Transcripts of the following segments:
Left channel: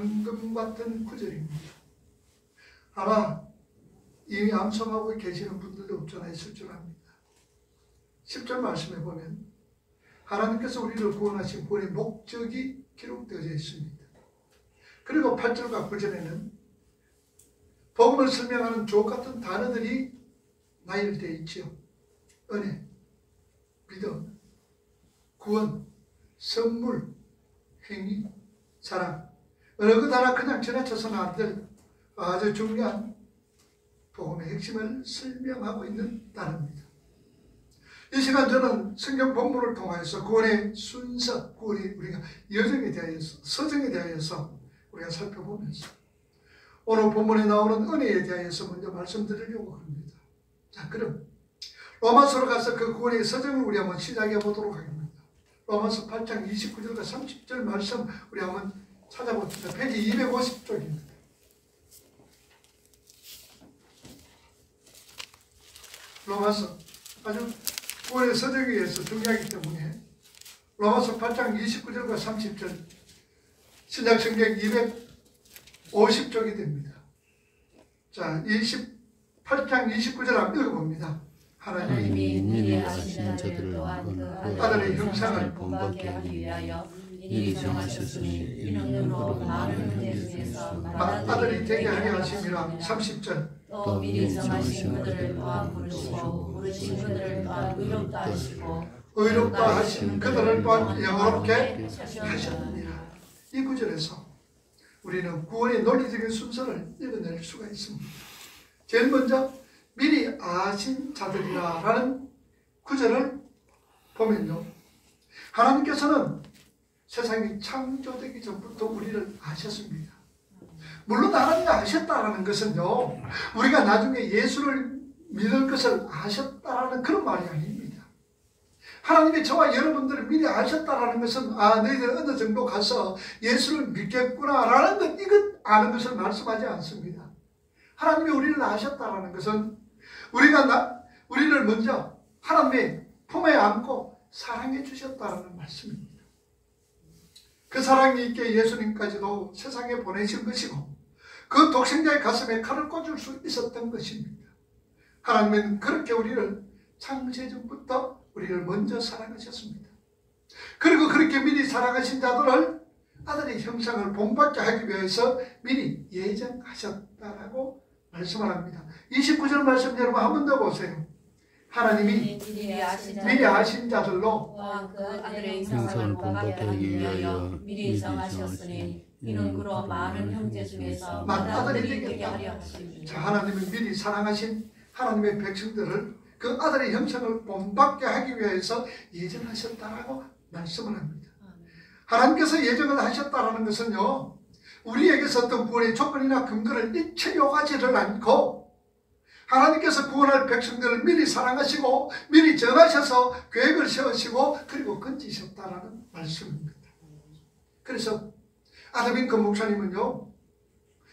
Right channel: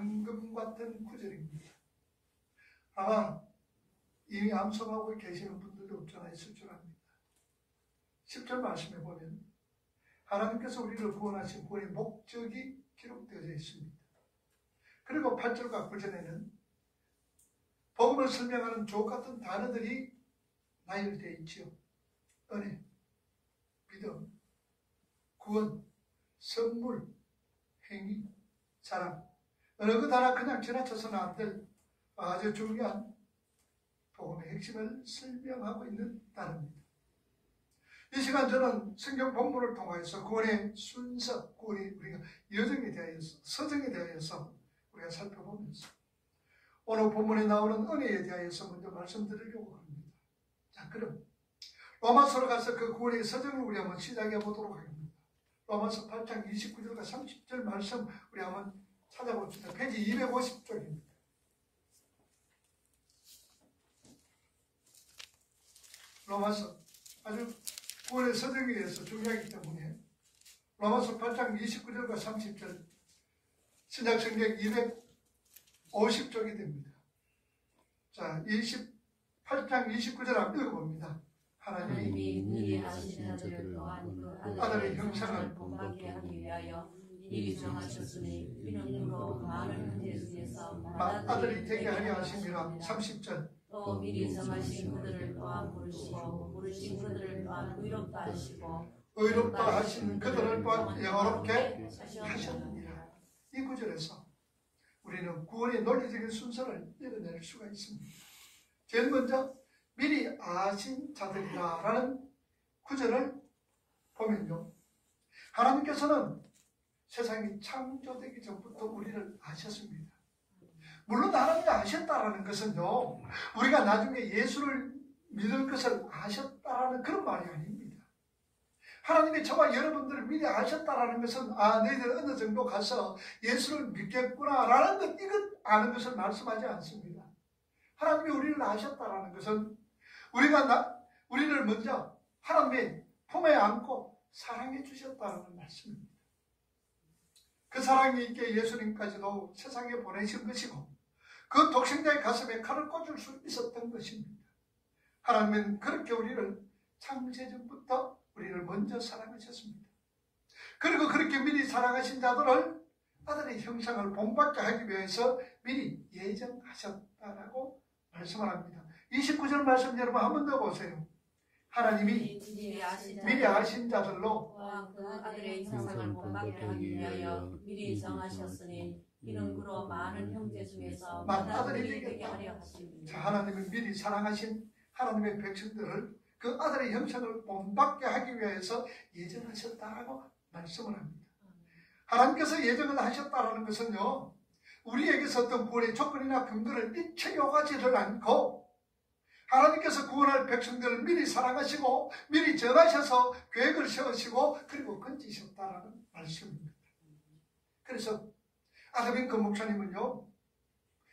황금 같은 구절입니다. 아마 이미 암송하고 계시는 분들도 없잖아 있을 줄 압니다. 10절 말씀에 보면 하나님께서 우리를 구원하신 구원의 목적이 기록되어져 있습니다. 그리고 8절과 9절에는 복음을 설명하는 주옥 같은 단어들이 나열되어 있지요. 은혜, 믿음, 구원, 선물, 행위, 사랑. 어느 것 하나 그냥 지나쳐서는 안 될 아주 중요한 복음의 핵심을 설명하고 있는 단어입니다. 이 시간 저는 성경 본문을 통해서 구원의 순서, 구원이 우리가 여정에 대하여서, 서정에 대하여서 우리가 살펴보면서 오늘 본문에 나오는 은혜에 대하여서 먼저 말씀드리려고 합니다. 자, 그럼 로마서로 가서 그 구원의 서정을 우리 한번 시작해 보도록 하겠습니다. 로마서 8장 29절과 30절 말씀 우리 한번 찾아봅시다. 페이지 250쪽입니다. 로마서 아주 구원의 서정에 의해서 중요하기 때문에 로마서 8장 29절과 30절 신약성경 250쪽이 됩니다. 자, 28장 29절 한번 읽어봅니다. 하나님이 미리 아시는 자들을 또한 그 아들의 형상을 본받게 하기 위하여 미리 정하셨으니 이는 그로 많은 형제 중에서 아들이 되게 하려 하심이라. 30절 또 미리 정하신 그들을 또한 부르시고 부르신 그들을 또한 의롭다 하시고 의롭다 하신 그들을 또한 영화롭게 하셨느니라. 이 구절에서 우리는 구원의 논리적인 순서를 읽어낼 수가 있습니다. 제일 먼저 미리 아신 자들이라 라는 구절을 보면요, 하나님께서는 세상이 창조되기 전부터 우리를 아셨습니다. 물론 하나님이 아셨다라는 것은요, 우리가 나중에 예수를 믿을 것을 아셨다라는 그런 말이 아닙니다. 하나님이 저와 여러분들을 미리 아셨다라는 것은 너희들 어느 정도 가서 예수를 믿겠구나라는 것, 이것 아는 것을 말씀하지 않습니다. 하나님이 우리를 아셨다라는 것은 우리를 먼저 하나님의 품에 안고 사랑해 주셨다는 말씀입니다. 그 사랑이 있게 예수님까지도 세상에 보내신 것이고 그 독생자의 가슴에 칼을 꽂을 수 있었던 것입니다. 하나님은 그렇게 우리를 창세 전부터 우리를 먼저 사랑하셨습니다. 그리고 그렇게 미리 사랑하신 자들을 아들의 형상을 본받게 하기 위해서 미리 예정하셨다라고 말씀을 합니다. 29절 말씀 여러분 한 번 더 보세요. 하나님이 미리 아신 자들로 그 아들의 형상을 본받게 하기 위하여 미리 정하셨으니 이는 그로 많은 형제 중에서 아들이 되게 하려 하십니다. 자, 하나님은 미리 사랑하신 하나님의 백성들을 그 아들의 형상을 본받게 하기 위해서 예정하셨다라고 말씀을 합니다. 하나님께서 예정을 하셨다라는 것은요, 우리에게서 어떤 구원의 조건이나 근거를 일체 요하지를 않고 하나님께서 구원할 백성들을 미리 사랑하시고 미리 정하셔서 계획을 세우시고 그리고 건지셨다라는 말씀입니다. 그래서 아담인크 목사님은요,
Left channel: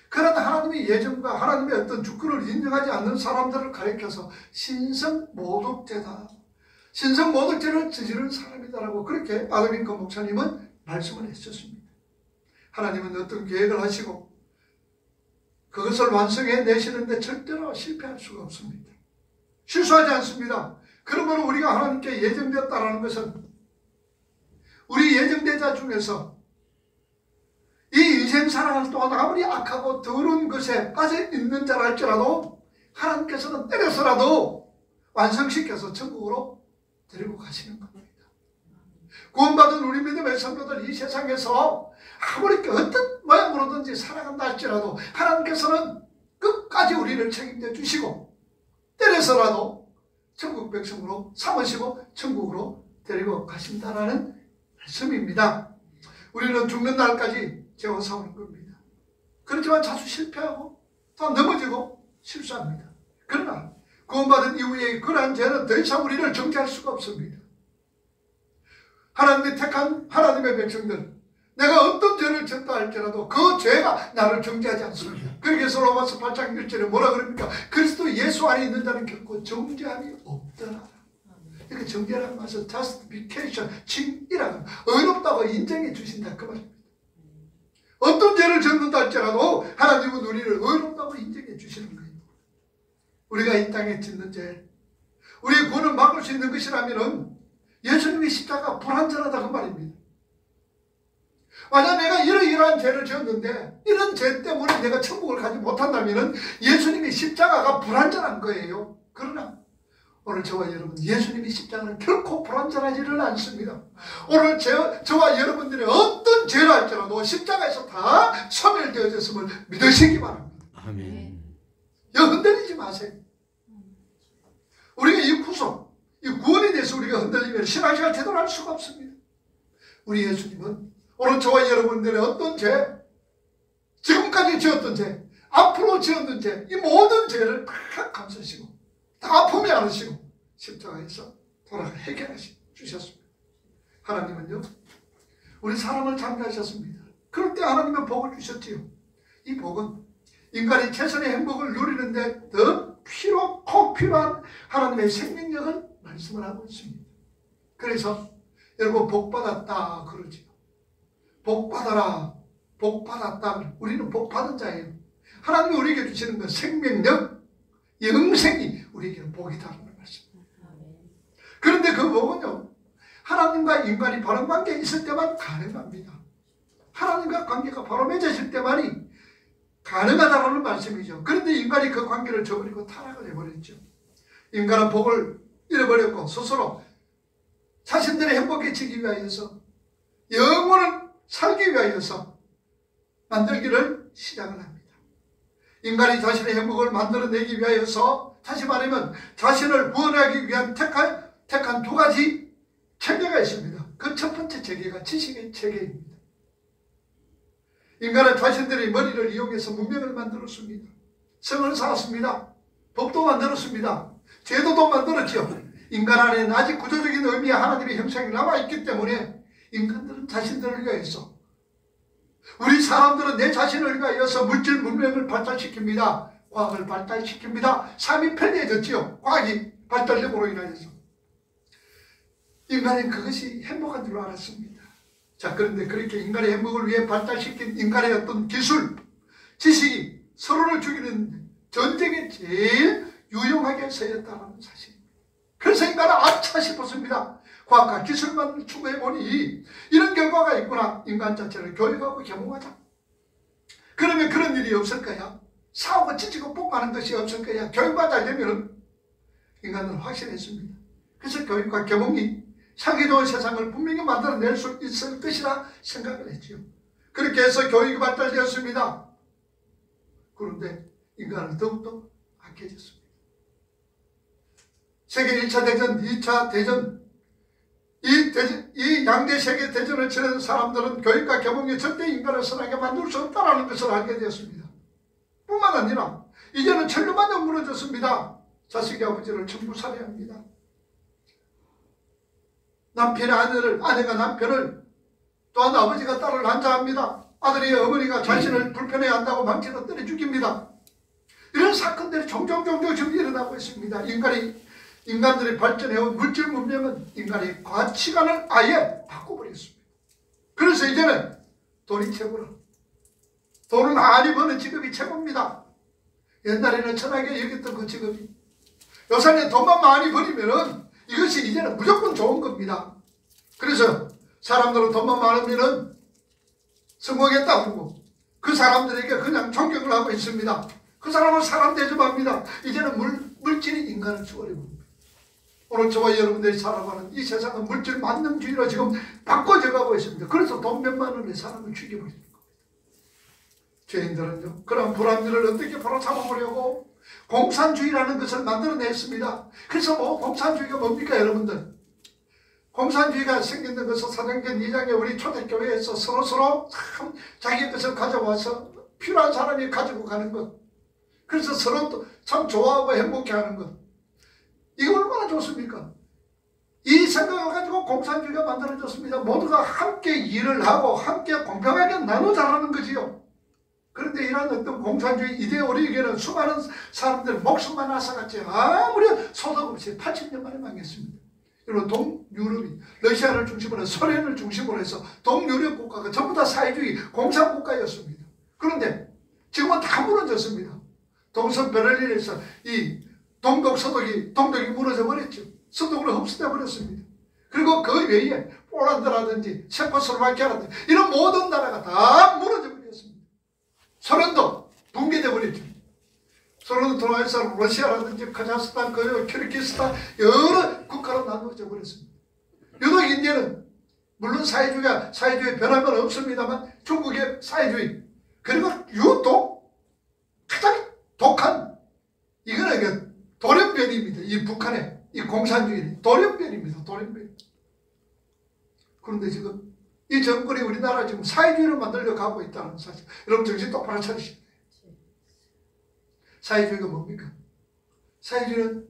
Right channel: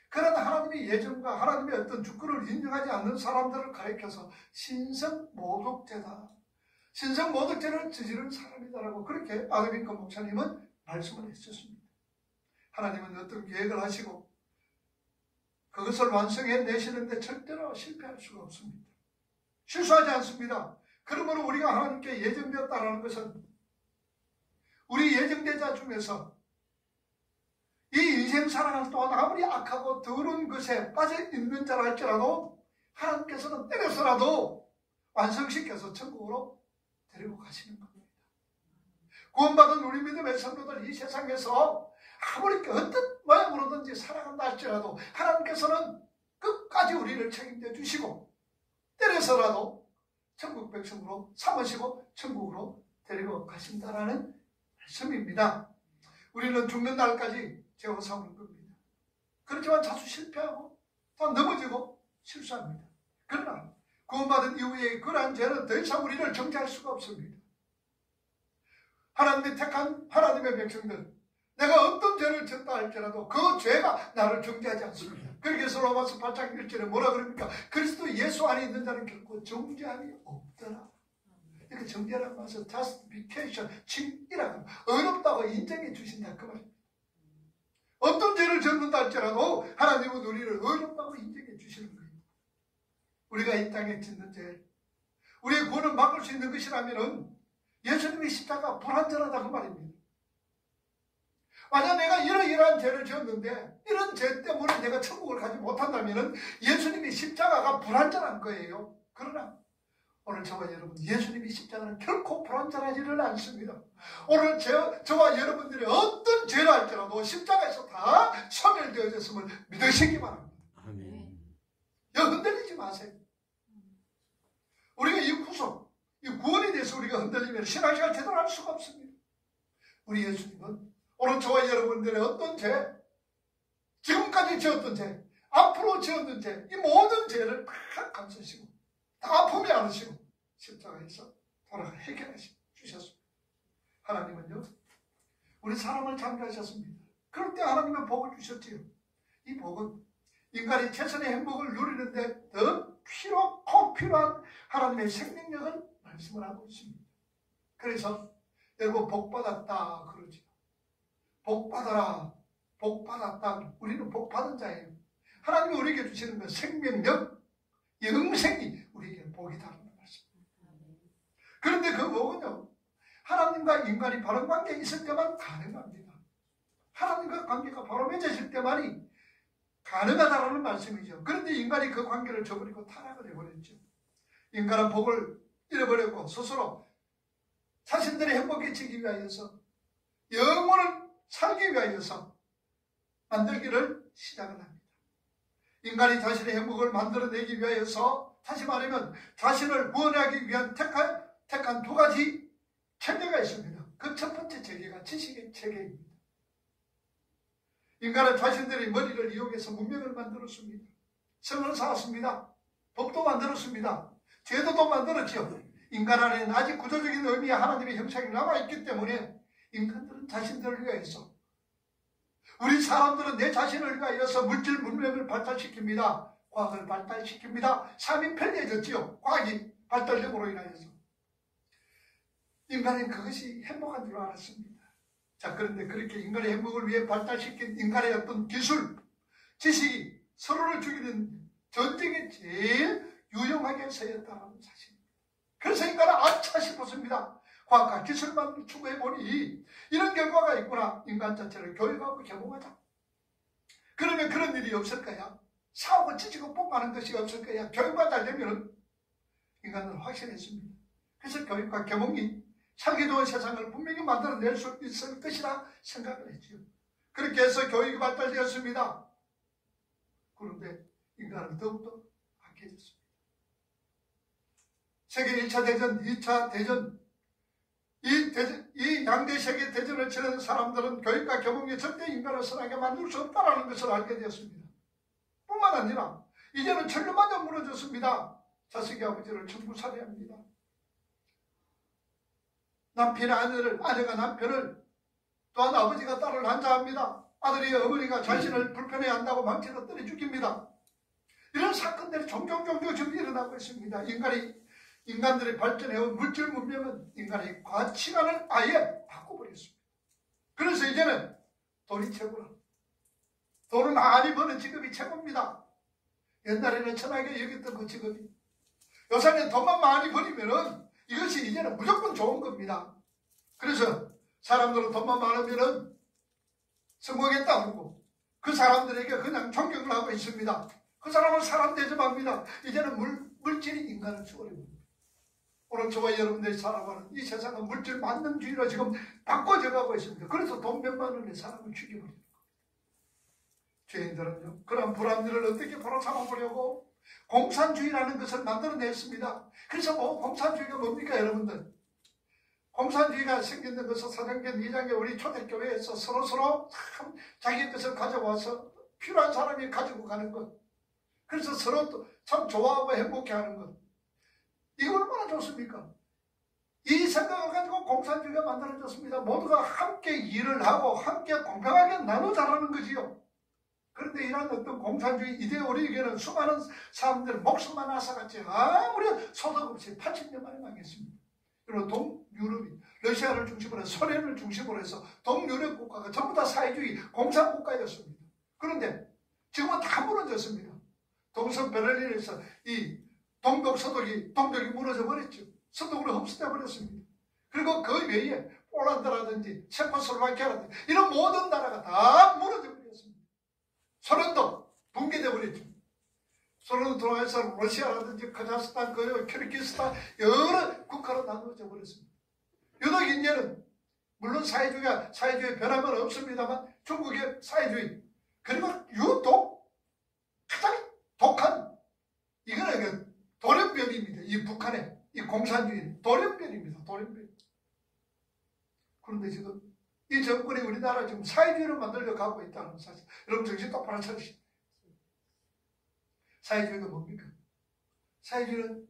그런 하나님의 예정과 하나님의 어떤 주권을 인정하지 않는 사람들을 가리켜서 신성모독죄다, 신성모독죄를 저지른 사람이다라고 그렇게 아담인크 목사님은 말씀을 했었습니다. 하나님은 어떤 계획을 하시고 그것을 완성해 내시는데 절대로 실패할 수가 없습니다. 실수하지 않습니다. 그러므로 우리가 하나님께 예정되었다는 것은 우리 예정되자 중에서 이 인생 살아가는 동안 아무리 악하고 더러운 것에 빠져 있는 자라 할지라도 하나님께서는 때려서라도 완성시켜서 천국으로 데리고 가시는 겁니다. 구원받은 우리 믿음의 성도들 이 세상에서 아무리 어떤 모양으로든지 살아간다 할지라도 하나님께서는 끝까지 우리를 책임져 주시고 때려서라도 천국 백성으로 삼으시고 천국으로 데리고 가신다라는 말씀입니다. 우리는 죽는 날까지 죄와 싸우는 겁니다. 그렇지만 자주 실패하고 또 넘어지고 실수합니다. 그러나 구원받은 이후에 그러한 죄는 더 이상 우리를 정죄할 수가 없습니다. 하나님의 택한 하나님의 백성들, 내가 어떤 죄를 졌다 할지라도 그 죄가 나를 정죄하지 않습니다. 그래서 로마서 8장 1절에 뭐라 그럽니까? 그리스도 예수 안에 있는 자는 결코 정죄함이 없더라. 이렇게 정죄라는 것은 justification, 칭이라는 의롭다고 인정해 주신다 그 말입니다. 어떤 죄를 짓는다 할지라도 하나님은 우리를 의롭다고 인정해 주시는 거예요. 우리가 이 땅에 짓는 죄, 우리의 구원을 막을 수 있는 것이라면 예수님의 십자가 불완전하다 그 말입니다. 만약 내가 이러이러한 죄를 지었는데 이런 죄 때문에 내가 천국을 가지 못한다면 예수님의 십자가가 불완전한 거예요. 그러나 오늘 저와 여러분, 예수님의 십자가는 결코 불완전하지는 않습니다. 오늘 저와 여러분들이 어떤 죄를 할지라도 십자가에서 다 소멸되어졌음을 믿으시기 바랍니다. 아멘. 흔들리지 마세요. 우리가 이 구속, 이 구원에 대해서 우리가 흔들리면 신앙생활 제대로 할 수가 없습니다. 우리 예수님은 오늘 저와 여러분들의 어떤 죄, 지금까지 지었던 죄, 앞으로 지었던 죄, 이 모든 죄를 다 감수시고 다 아픔이 않으시고 십자가에서 돌아가 해결하시 주셨습니다. 하나님은요, 우리 사람을 창조하셨습니다. 그럴 때 하나님은 복을 주셨지요. 이 복은 인간이 최선의 행복을 누리는데 더 꼭 필요한 하나님의 생명력을 말씀을 하고 있습니다. 그래서 여러분 복 받았다 그러지요. 복 받아라, 복 받았다. 우리는 복 받은 자예요. 하나님이 우리에게 주시는 건 생명력, 영생이 우리에게는 복이다라는 말씀입니다. 그런데 그 복은요, 하나님과 인간이 바른 관계에 있을 때만 가능합니다. 하나님과 관계가 바로 맺어질 때만이 가능하다라는 말씀이죠. 그런데 인간이 그 관계를 저버리고 타락을 해버렸죠. 인간은 복을 잃어버렸고 스스로 자신들의 행복해지기 위하여서 영혼을 살기 위하여서 만들기를 시작을 합니다. 인간이 자신의 행복을 만들어내기 위하여서, 다시 말하면 자신을 구원하기 위한 택한 두 가지 체계가 있습니다. 그 첫 번째 체계가 지식의 체계입니다. 인간은 자신들의 머리를 이용해서 문명을 만들었습니다. 성을 쌓았습니다. 법도 만들었습니다. 제도도 만들었죠. 인간 안에는 아직 구조적인 의미의 하나님의 형상이 남아있기 때문에 인간들은 자신들을 위하여서, 우리 사람들은 내 자신을 위하여서 물질 문명을 발달시킵니다. 과학을 발달시킵니다. 삶이 편리해졌지요. 과학이 발달됨으로 인하여서. 인간은 그것이 행복한 줄 알았습니다. 자, 그런데 그렇게 인간의 행복을 위해 발달시킨 인간의 어떤 기술, 지식이 서로를 죽이는 전쟁에 제일 유용하게 쓰였다는 사실입니다. 그래서 인간은 아차 싶었습니다. 과학과 기술만 추구해보니 이런 결과가 있구나. 인간 자체를 교육하고 계몽하자. 그러면 그런 일이 없을 거야. 싸우고 찢고 볶아하는 것이 없을 거야. 교육만 잘 되면 인간은 확신했습니다. 그래서 교육과 계몽이 살기 좋은 세상을 분명히 만들어낼 수 있을 것이라 생각을 했지요. 그렇게 해서 교육이 발달되었습니다. 그런데 인간은 더욱더 악해졌습니다. 세계 1차 대전, 2차 대전, 이 양대 세계 대전을 치른 사람들은 교육과 계몽이 절대 인간을 선하게 만들 수 없다는 것을 알게 되었습니다. 뿐만 아니라 이제는 천년만년 무너졌습니다. 자식이 아버지를 전부 살해합니다. 남편의 아내가 남편을, 또한 아버지가 딸을 난자합니다. 아들이 어머니가 자신을 불편해한다고 망치로 때려 죽입니다. 이런 사건들이 종종 지금 일어나고 있습니다. 인간들이 발전해온 물질 문명은 인간의 가치관을 아예 바꿔버렸습니다. 그래서 이제는 돈이 최고라. 돈을 많이 버는 직업이 최고입니다. 옛날에는 천하게 여겼던 그 직업이, 요새는 돈만 많이 버리면은 이것이 이제는 무조건 좋은 겁니다. 그래서 사람들은 돈만 많으면은 성공했다 그러고 그 사람들에게 그냥 존경을 하고 있습니다. 그 사람을 사람 대접합니다. 이제는 물질이 인간을 죽어버립니다. 오늘 저와 여러분들이 살아가는 이 세상은 물질 만능주의로 지금 바꿔져 가고 있습니다. 그래서 돈 몇만 원에 사람을 죽여버리는 겁니다. 죄인들은요, 그런 불합리를 어떻게 바로 잡아보려고 공산주의라는 것을 만들어냈습니다. 그래서 공산주의가 뭡니까 여러분들? 공산주의가 생겼는 것은 사도행전 2장에 우리 초대교회에서 서로 참 자기 것을 가져와서 필요한 사람이 가지고 가는 것, 그래서 서로 또 참 좋아하고 행복해하는 것, 이거 얼마나 좋습니까? 이 생각을 가지고 공산주의가 만들어졌습니다. 모두가 함께 일을 하고 함께 공평하게 나누자라는 거지요. 그런데 이런 어떤 공산주의 이데올로기에는 수많은 사람들 목숨만 앗아갔지 아무리 소득 없이 80년 만에 망했습니다. 그리고 동유럽이 러시아를 중심으로 소련을 중심으로 해서 동유럽 국가가 전부 다 사회주의 공산국가였습니다. 그 동서 베를린에서 이 동독 서독이 동독이 무너져 버렸죠. 서독으로 흡수돼 버렸습니다. 그리고 그 외에 폴란드라든지 체코슬로바키아라든지 이런 모든 나라가 다 무너져 버렸습니다. 소련도 붕괴돼 버렸죠. 소련 통해서 러시아라든지 카자흐스탄, 키르기스탄 여러 국가로 나누어져 버렸습니다. 유독 인디아는 물론 사회주의 변함은 없습니다만 중국의 사회주의 그리고 유독 가장 독한 이거는 돌연변이입니다. 이 북한의 이 공산주의 돌연변입니다. 돌연변. 그런데 지금 이 정권이 우리나라 지금 사회주의를 만들려 가고 있다는 사실. 여러분 정신 똑바로 차리십시오. 사회주의가 뭡니까? 사회주의는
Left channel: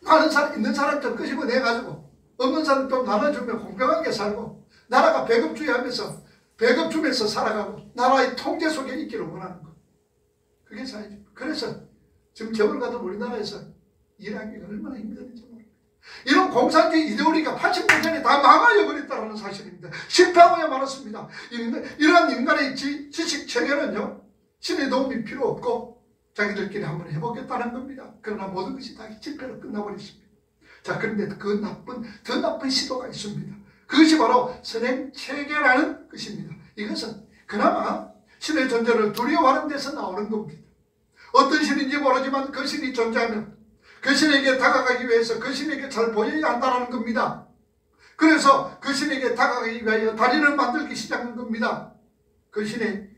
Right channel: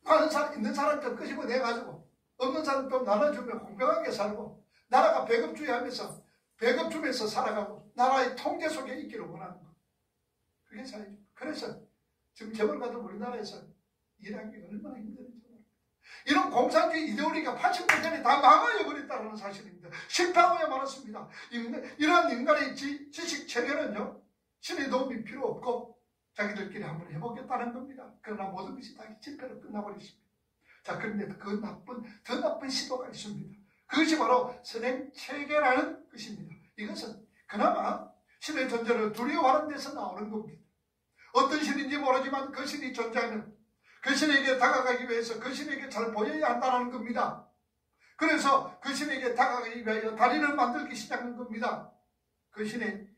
많은 사람 있는 사람들 끄집어내가지고 없는 사람 좀 나눠주면 공평하게 살고 나라가 배급주의하면서 배급 주면서 살아가고 나라의 통제 속에 있기를 원하는 것. 그게 사회주의. 그래서 지금 재벌가들 우리나라에서 일하기가 얼마나 힘든지 모릅니다. 이런 공산주의 이데올로기가 80%다 망하여버렸다는 사실입니다. 실패하고야 말았습니다. 이러한 인간의 지식 체계는요, 신의 도움이 필요 없고 자기들끼리 한번 해보겠다는 겁니다. 그러나 모든 것이 다 실패로 끝나버렸습니다. 자, 그런데 더 나쁜 시도가 있습니다. 그것이 바로 선행체계라는 것입니다. 이것은 그나마 신의 존재를 두려워하는 데서 나오는 겁니다. 어떤 신인지 모르지만 그 신이 존재하면 그 신에게 다가가기 위해서 그 신에게 잘 보여야 한다는 겁니다. 그래서 그 신에게 다가가기 위하여 다리를 만들기 시작한 겁니다. 그 신의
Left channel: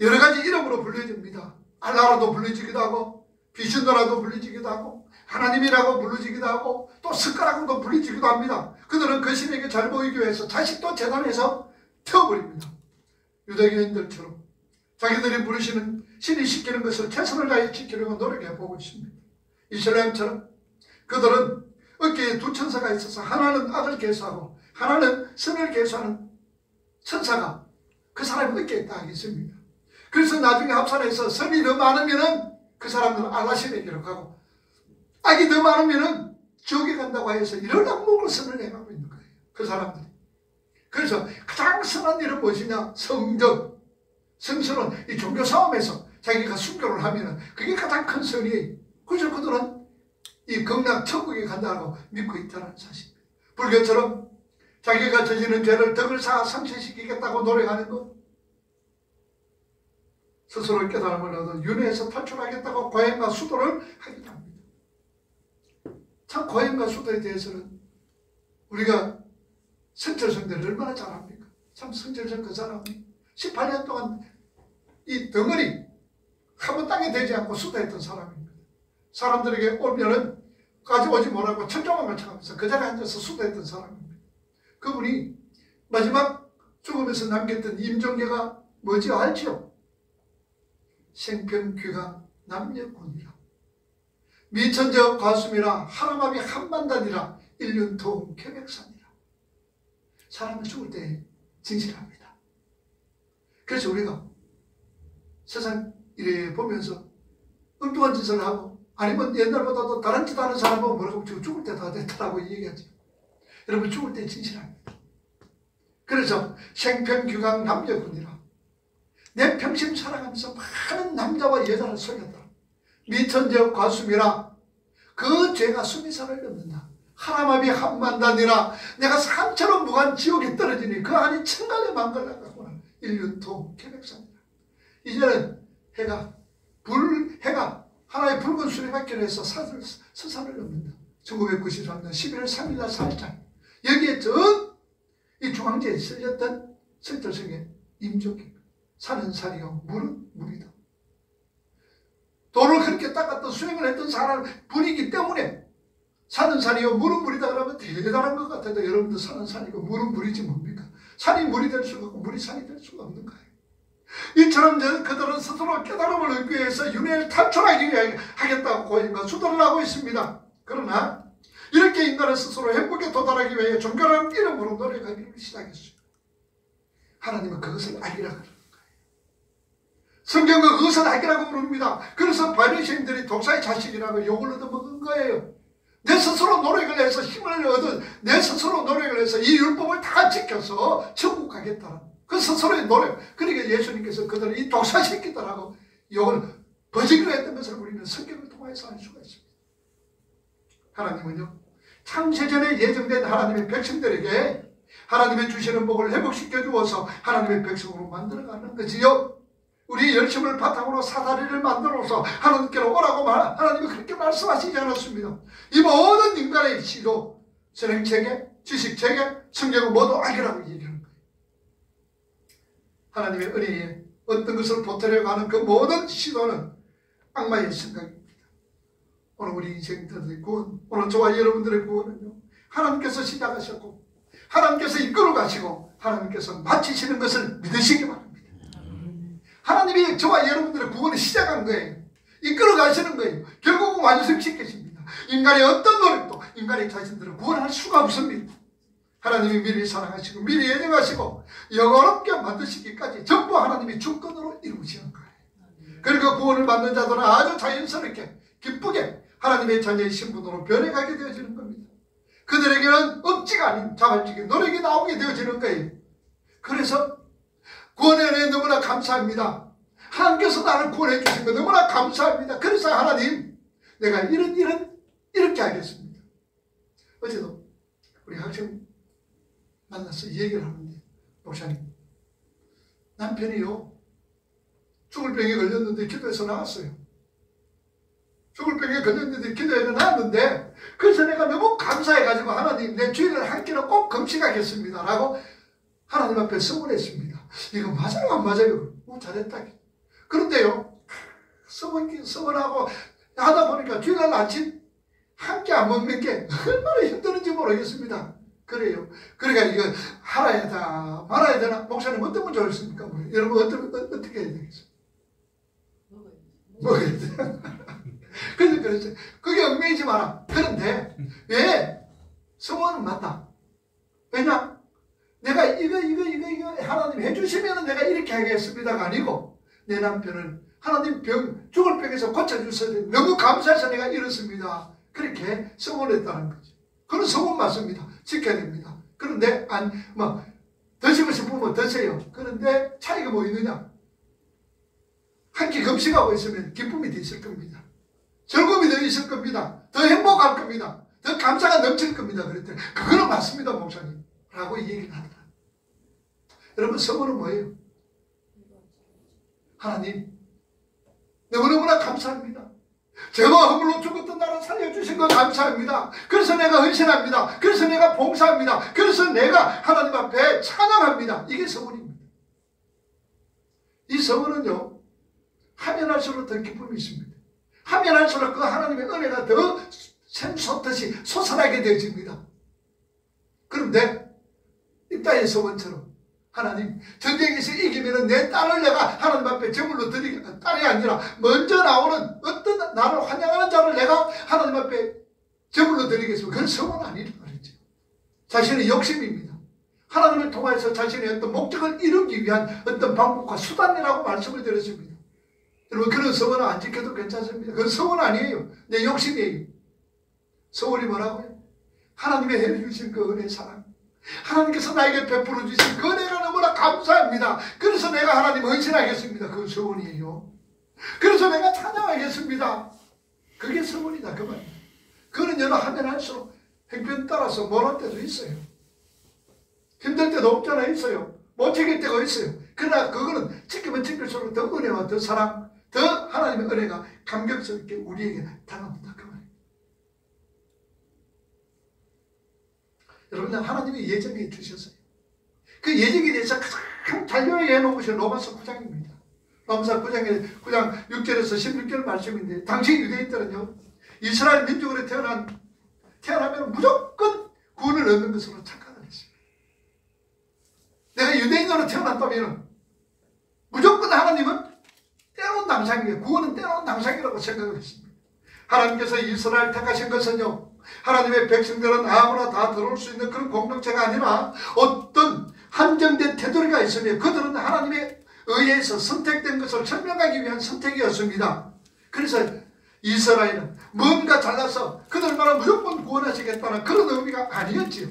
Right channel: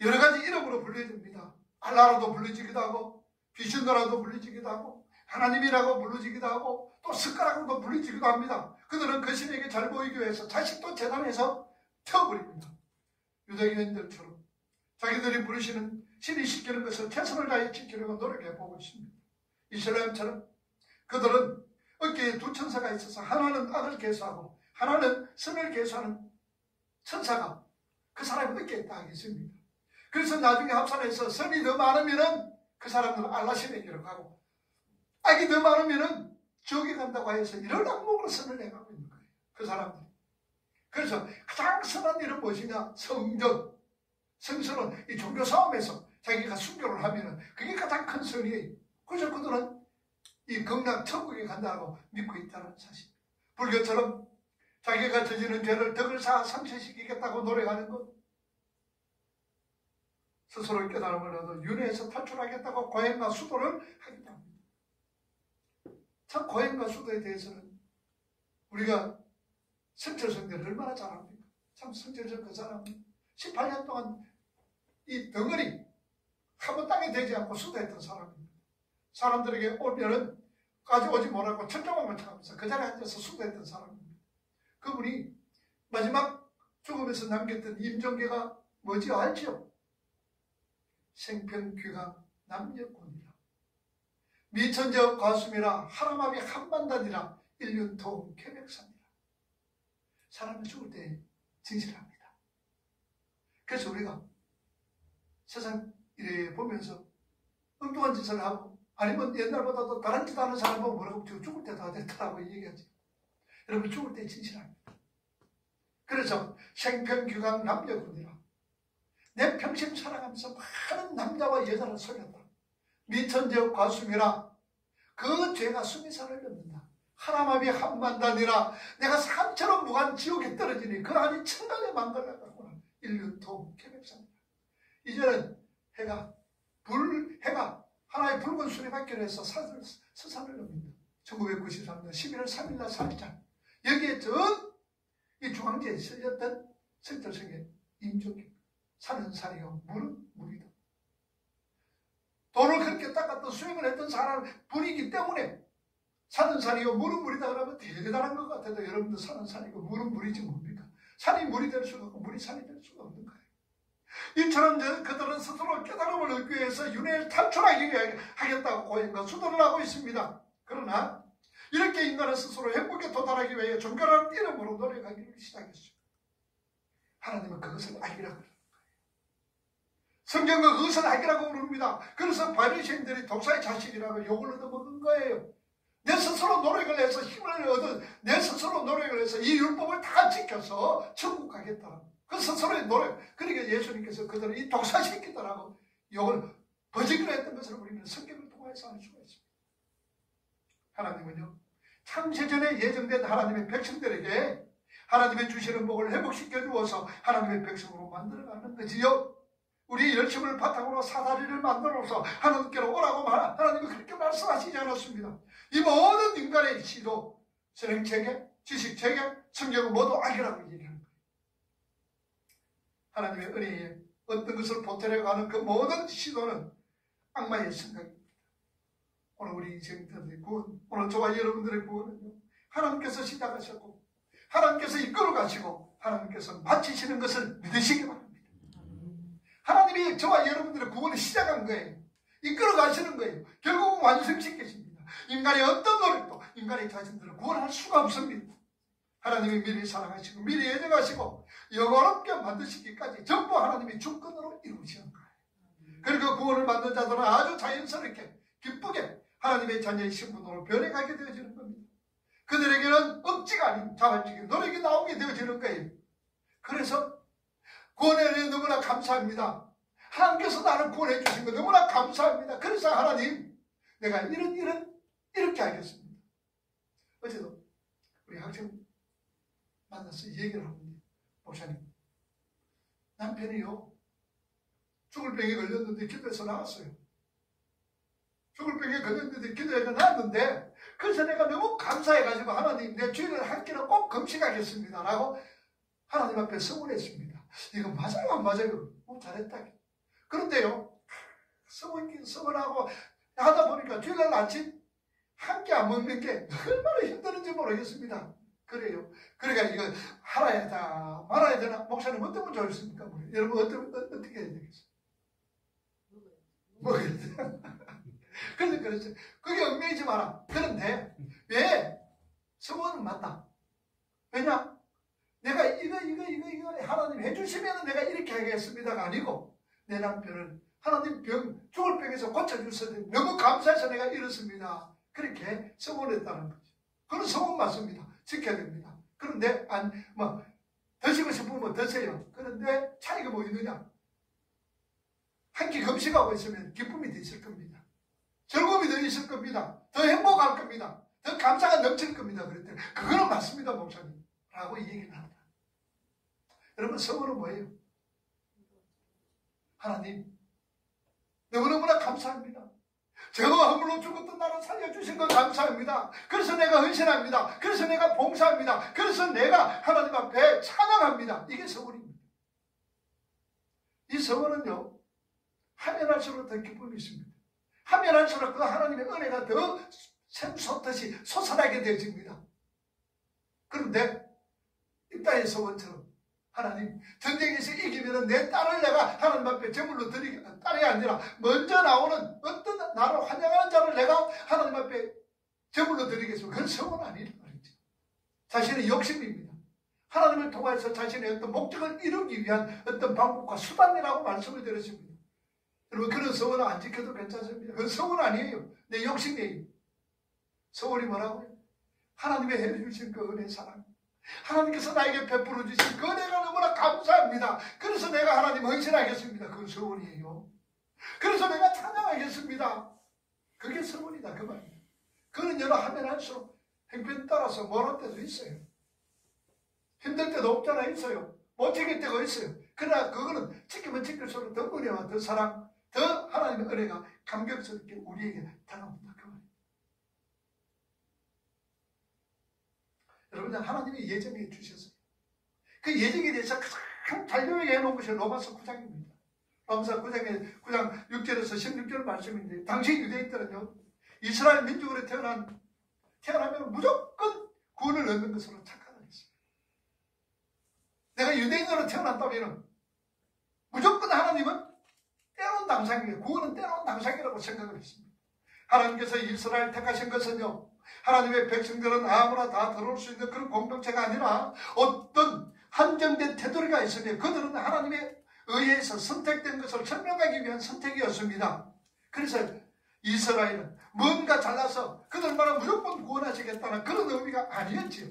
여러 가지 이름으로 불려집니다. 알라라도 불려지기도 하고 비슈너라도 불려지기도 하고 하나님이라고 불러지기도 하고 또 숟가락으로도 불려지기도 합니다. 그들은 그 신에게 잘 보이기 위해서 자식도 재단에서 태워버립니다. 유대교인들처럼 자기들이 부르시는 신이 시키는 것을 최선을 다해 지키려고 노력해보고 있습니다. 이슬람처럼 그들은 어깨에 두 천사가 있어서 하나는 악을 계수하고 하나는 선을 계수하는 천사가 그 사람 어깨에 딱 있습니다. 그래서 나중에 합산해서 선이 더 많으면은 그 사람들은 알라신에게로 가고 악이 더 많으면은 지옥에 간다고 해서 이런 악몽을 선을 해가고 있는 거예요. 그 사람들이. 그래서 가장 선한 일은 무엇이냐? 성전. 성전은 이 종교 싸움에서 자기가 순교를 하면은 그게 가장 큰 선이에요. 그래서 그들은 이 극락 천국에 간다고 믿고 있다는 사실입니다. 불교처럼 자기가 저지른 죄를 덕을 쌓아 상쇄시키겠다고 노력하는 것, 스스로 깨달음을 얻어 윤회에서 탈출하겠다고 고행과 수도를 하기도 합니다. 참 고행과 수도에 대해서는 우리가 성철성대를 얼마나 잘합니까? 참 성철성 그 사람이 18년 동안 이 덩어리 한 번 땅에 대지 않고 수도했던 사람입니다. 사람들에게 오면은 가져오지 못하고 천정만 맞춰가면서 그 자리에 앉아서 수도했던 사람입니다. 그분이 마지막 죽으면서 남겼던 임종계가 뭐지 알죠? 생평귀가 남녀곤이라 미천저 과수미라 하람합이 한만단이라 일륜통 쾌백산이라. 사람은 죽을 때 진실합니다. 그래서 우리가 세상 일에 보면서 엉뚱한 짓을 하고 아니면 옛날보다도 다른 짓 하는 사람은 뭐라고 죽을 때 다 됐다라고 얘기하지. 여러분 죽을 때 진실합니다. 그래서 생평규강 남녀군이라 내 평생 살아가면서 많은 남자와 여자를 속였다. 미천제 과수미라 그 죄가 수미산을 넘는다. 하람합이 한만단이라 내가 산처럼 무한 지옥에 떨어지니 그 안이 천간에 망갈라가구나. 일륜통 쾌백산이라. 이제는 해가 하나의 붉은 수레바퀴를 해서 서산을 넘는다. 1993년 11월 3일날 살짝 여기에 이 중앙지에 실렸던 성철성의 임종기 사는 살이요 물은 물이다. 돌을 그렇게 닦았던 수행을 했던 사람 분이기 때문에 사는 산이요 물은 물이다 그러면 대단한 것 같아도 여러분들 사는 산이고 물은 물이지 뭡니까? 산이 물이 될 수가 없고 물이 산이 될 수가 없는 거예요. 이처럼 그들은 스스로 깨달음을 얻기 위해서 윤회를 탈출하기 위해 하겠다고 고행과 수도를 하고 있습니다. 그러나 이렇게 인간은 스스로 행복에 도달하기 위해 종교라는 이름으로 노력하기를 시작했어요. 하나님은 그것을 악이라고 그러는 거예요. 성경은 그것을 악이라고 부릅니다. 그래서 바리새인들이 독사의 자식이라고 욕을 얻어먹은 거예요. 내 스스로 노력을 해서 힘을 얻은 내 스스로 노력을 해서 이 율법을 다 지켜서 천국 가겠다는 그 스스로의 노력. 그러니까 예수님께서 그들은 이 독사 새끼들하고 욕을 버지기로 했던 것을 우리는 성경을 통해서 알 수가 있습니다. 하나님은요, 창세전에 예정된 하나님의 백성들에게 하나님의 주시는 복을 회복시켜 주어서 하나님의 백성으로 만들어가는 거지요. 우리의 열심을 바탕으로 사다리를 만들어서 하나님께로 오라고 하나님이 그렇게 말씀하시지 않았습니다. 이 모든 인간의 시도, 선행체계, 지식체계, 성경을 모두 알기라고 얘기하는 거예요. 하나님의 은혜에 어떤 것을 보태려고 하는 그 모든 시도는 악마의 생각입니다. 오늘 우리 인생들의 구원, 오늘 저와 여러분들의 구원은요, 하나님께서 시작하셨고 하나님께서 이끌어 가시고 하나님께서 마치시는 것을 믿으시기 바랍니다. 하나님이 저와 여러분들의 구원을 시작한 거예요. 이끌어 가시는 거예요. 결국은 완성시키십니다. 인간의 어떤 노력도 인간의 자신들을 구원할 수가 없습니다. 하나님이 미리 사랑하시고 미리 예정하시고 영원롭게 만드시기까지 전부 하나님이 주권으로 이루시는 거예요. 그리고 구원을 받는 자들은 아주 자연스럽게 기쁘게 하나님의 자녀의 신분으로 변해가게 되어지는 겁니다. 그들에게는 억지가 아닌 자발적인 노력이 나오게 되어지는 거예요. 그래서 구원의 은혜에 너무나 감사합니다. 하나님께서 나를 구원해 주신 거 너무나 감사합니다. 그래서 하나님, 내가 이렇게 하겠습니다. 어제도 우리 학생 만나서 얘기를 하는데, 목사님, 남편이요, 죽을 병에 걸렸는데 기도해서 나왔어요. 죽을 병에 걸렸는데 기도해서 나왔는데, 그래서 내가 너무 감사해가지고 하나님, 내 주일날 한 끼는 꼭 금식하겠습니다 라고 하나님 앞에 서문했습니다. 이거 맞아요 안 맞아요? 잘했다. 그런데요, 서문하고 하다 보니까 주일날 아침 한 끼 안 먹는 게 얼마나 힘드는지 모르겠습니다. 그래요. 그러니까 이거 할아야 되나 말아야 되나? 목사님 어떤 건 좋으십니까? 여러분 어떻게 해야 되겠어요? 먹어야 돼. 그래서 그게 얽매이지 마라. 그런데 왜 서문은 맞다. 왜냐? 내가 이거 하나님 해주시면 내가 이렇게 하겠습니다가 아니고, 내 남편을 하나님 죽을 병에서 고쳐주셔서 너무 감사해서 내가 이렇습니다. 그렇게 서문했다는 거죠. 그런 서문 맞습니다. 지켜야 됩니다. 그런데 드시고 싶으면 드세요. 그런데 차이가 뭐 있느냐? 한 끼 금식하고 있으면 기쁨이 더 있을 겁니다. 즐거움이 더 있을 겁니다. 더 행복할 겁니다. 더 감사가 넘칠 겁니다. 그랬더니 그거는 맞습니다, 목사님 라고 얘기를 하더라. 여러분, 서문은 뭐예요? 하나님, 너무너무나 감사합니다. 죄와 허물로 죽었던 나를 살려주신 거 감사합니다. 그래서 내가 헌신합니다. 그래서 내가 봉사합니다. 그래서 내가 하나님 앞에 찬양합니다. 이게 서문입니다. 이 서문은요, 하면 할수록 더 기쁨이 있습니다. 하면 할수록 그 하나님의 은혜가 더 샘솟듯이 솟아나게 되어집니다. 그런데 입다의 서문처럼 하나님, 전쟁에서 이기면 내 딸을 내가 하나님 앞에 제물로 드리겠다. 딸이 아니라 먼저 나오는 어떤 나를 환영하는 자를 내가 하나님 앞에 제물로 드리겠습니다. 그건 서문 아니란 말이죠. 자신의 욕심입니다. 하나님을 통해서 자신의 어떤 목적을 이루기 위한 어떤 방법과 수단이라고 말씀을 드렸습니다. 여러분, 그런 서문은 안 지켜도 괜찮습니다. 그건 서문 아니에요. 내 욕심이에요. 서문이 뭐라고요? 하나님의 해주신 그 은혜 사랑, 하나님께서 나에게 베풀어 주신 그 은혜가 너무나 감사합니다. 그래서 내가 하나님 헌신하겠습니다. 그건 서문이에요. 그래서 내가 찬양하겠습니다. 그게 서문이다, 그 말입니다. 그는 여러 하면 할수록 행편 따라서 못할 때도 있어요. 힘들 때도 없잖아, 있어요. 못 지킬 때가 있어요. 그러나 그거는 지키면 지킬수록 더 은혜와 더 사랑, 더 하나님의 은혜가 감격스럽게 우리에게 당합니다. 그 말입니다. 여러분, 하나님이 예정해 주셨어요. 그 예정에 대해서 가장 잘 요약해 놓은 것이 로마서 9장입니다. 로마서 9장 6절에서 16절 말씀인데, 당시 유대인들은요, 이스라엘 민족으로 태어나면 무조건 구원을 얻는 것으로 착각을 했어요. 내가 유대인으로 태어났다면 무조건 하나님은 때론 당상이에요. 구원은 때론 당상이라고 생각을 했습니다. 하나님께서 이스라엘 택하신 것은요, 하나님의 백성들은 아무나 다 들어올 수 있는 그런 공동체가 아니라 어떤 한정된 테두리가 있으며 그들은 하나님의 의해서 선택된 것을 설명하기 위한 선택이었습니다. 그래서 이스라엘은 뭔가 잘나서 그들만은 무조건 구원하시겠다는 그런 의미가 아니었지요.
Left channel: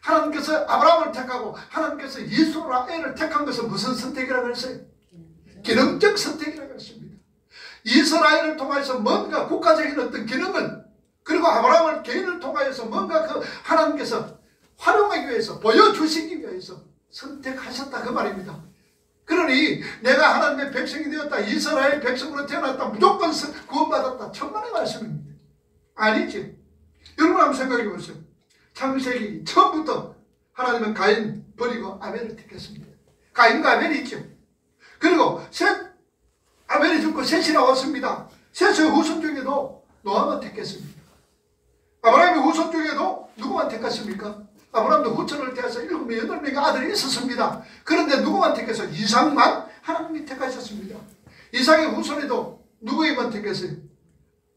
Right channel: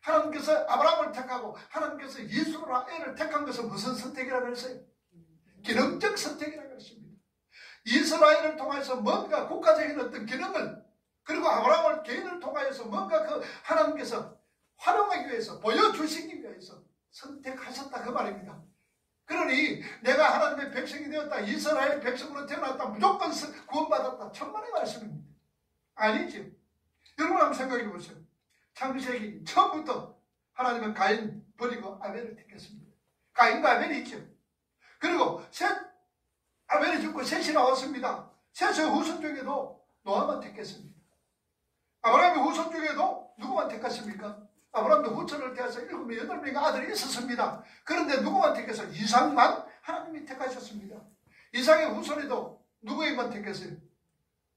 하나님께서 아브라함을 택하고 하나님께서 예수라엘을 택한 것은 무슨 선택이라고 했어요? 기능적 선택이라고 했습니다. 이스라엘을 통해서 뭔가 국가적인 어떤 기능을, 그리고 아브라함을 개인을 통하여서 뭔가 그 하나님께서 활용하기 위해서, 보여주시기 위해서 선택하셨다 그 말입니다. 그러니 내가 하나님의 백성이 되었다, 이스라엘 백성으로 태어났다, 무조건 구원받았다, 천만의 말씀입니다. 아니지. 여러분 한번 생각해 보세요. 창세기 처음부터 하나님은 가인 버리고 아벨을 택했습니다. 가인과 아벨이 있죠. 그리고 아벨이 죽고 셋이 나왔습니다. 셋의 후손 중에도 노아만 택했습니다. 아브라함의 후손 중에도 누구만 택했습니까? 아브라함도 후손을 태워서 7명, 8명의 아들이 있었습니다. 그런데 누구만 택해서? 이삭만 하나님이 택하셨습니다. 이삭의 후손에도 누구에만 택했어요?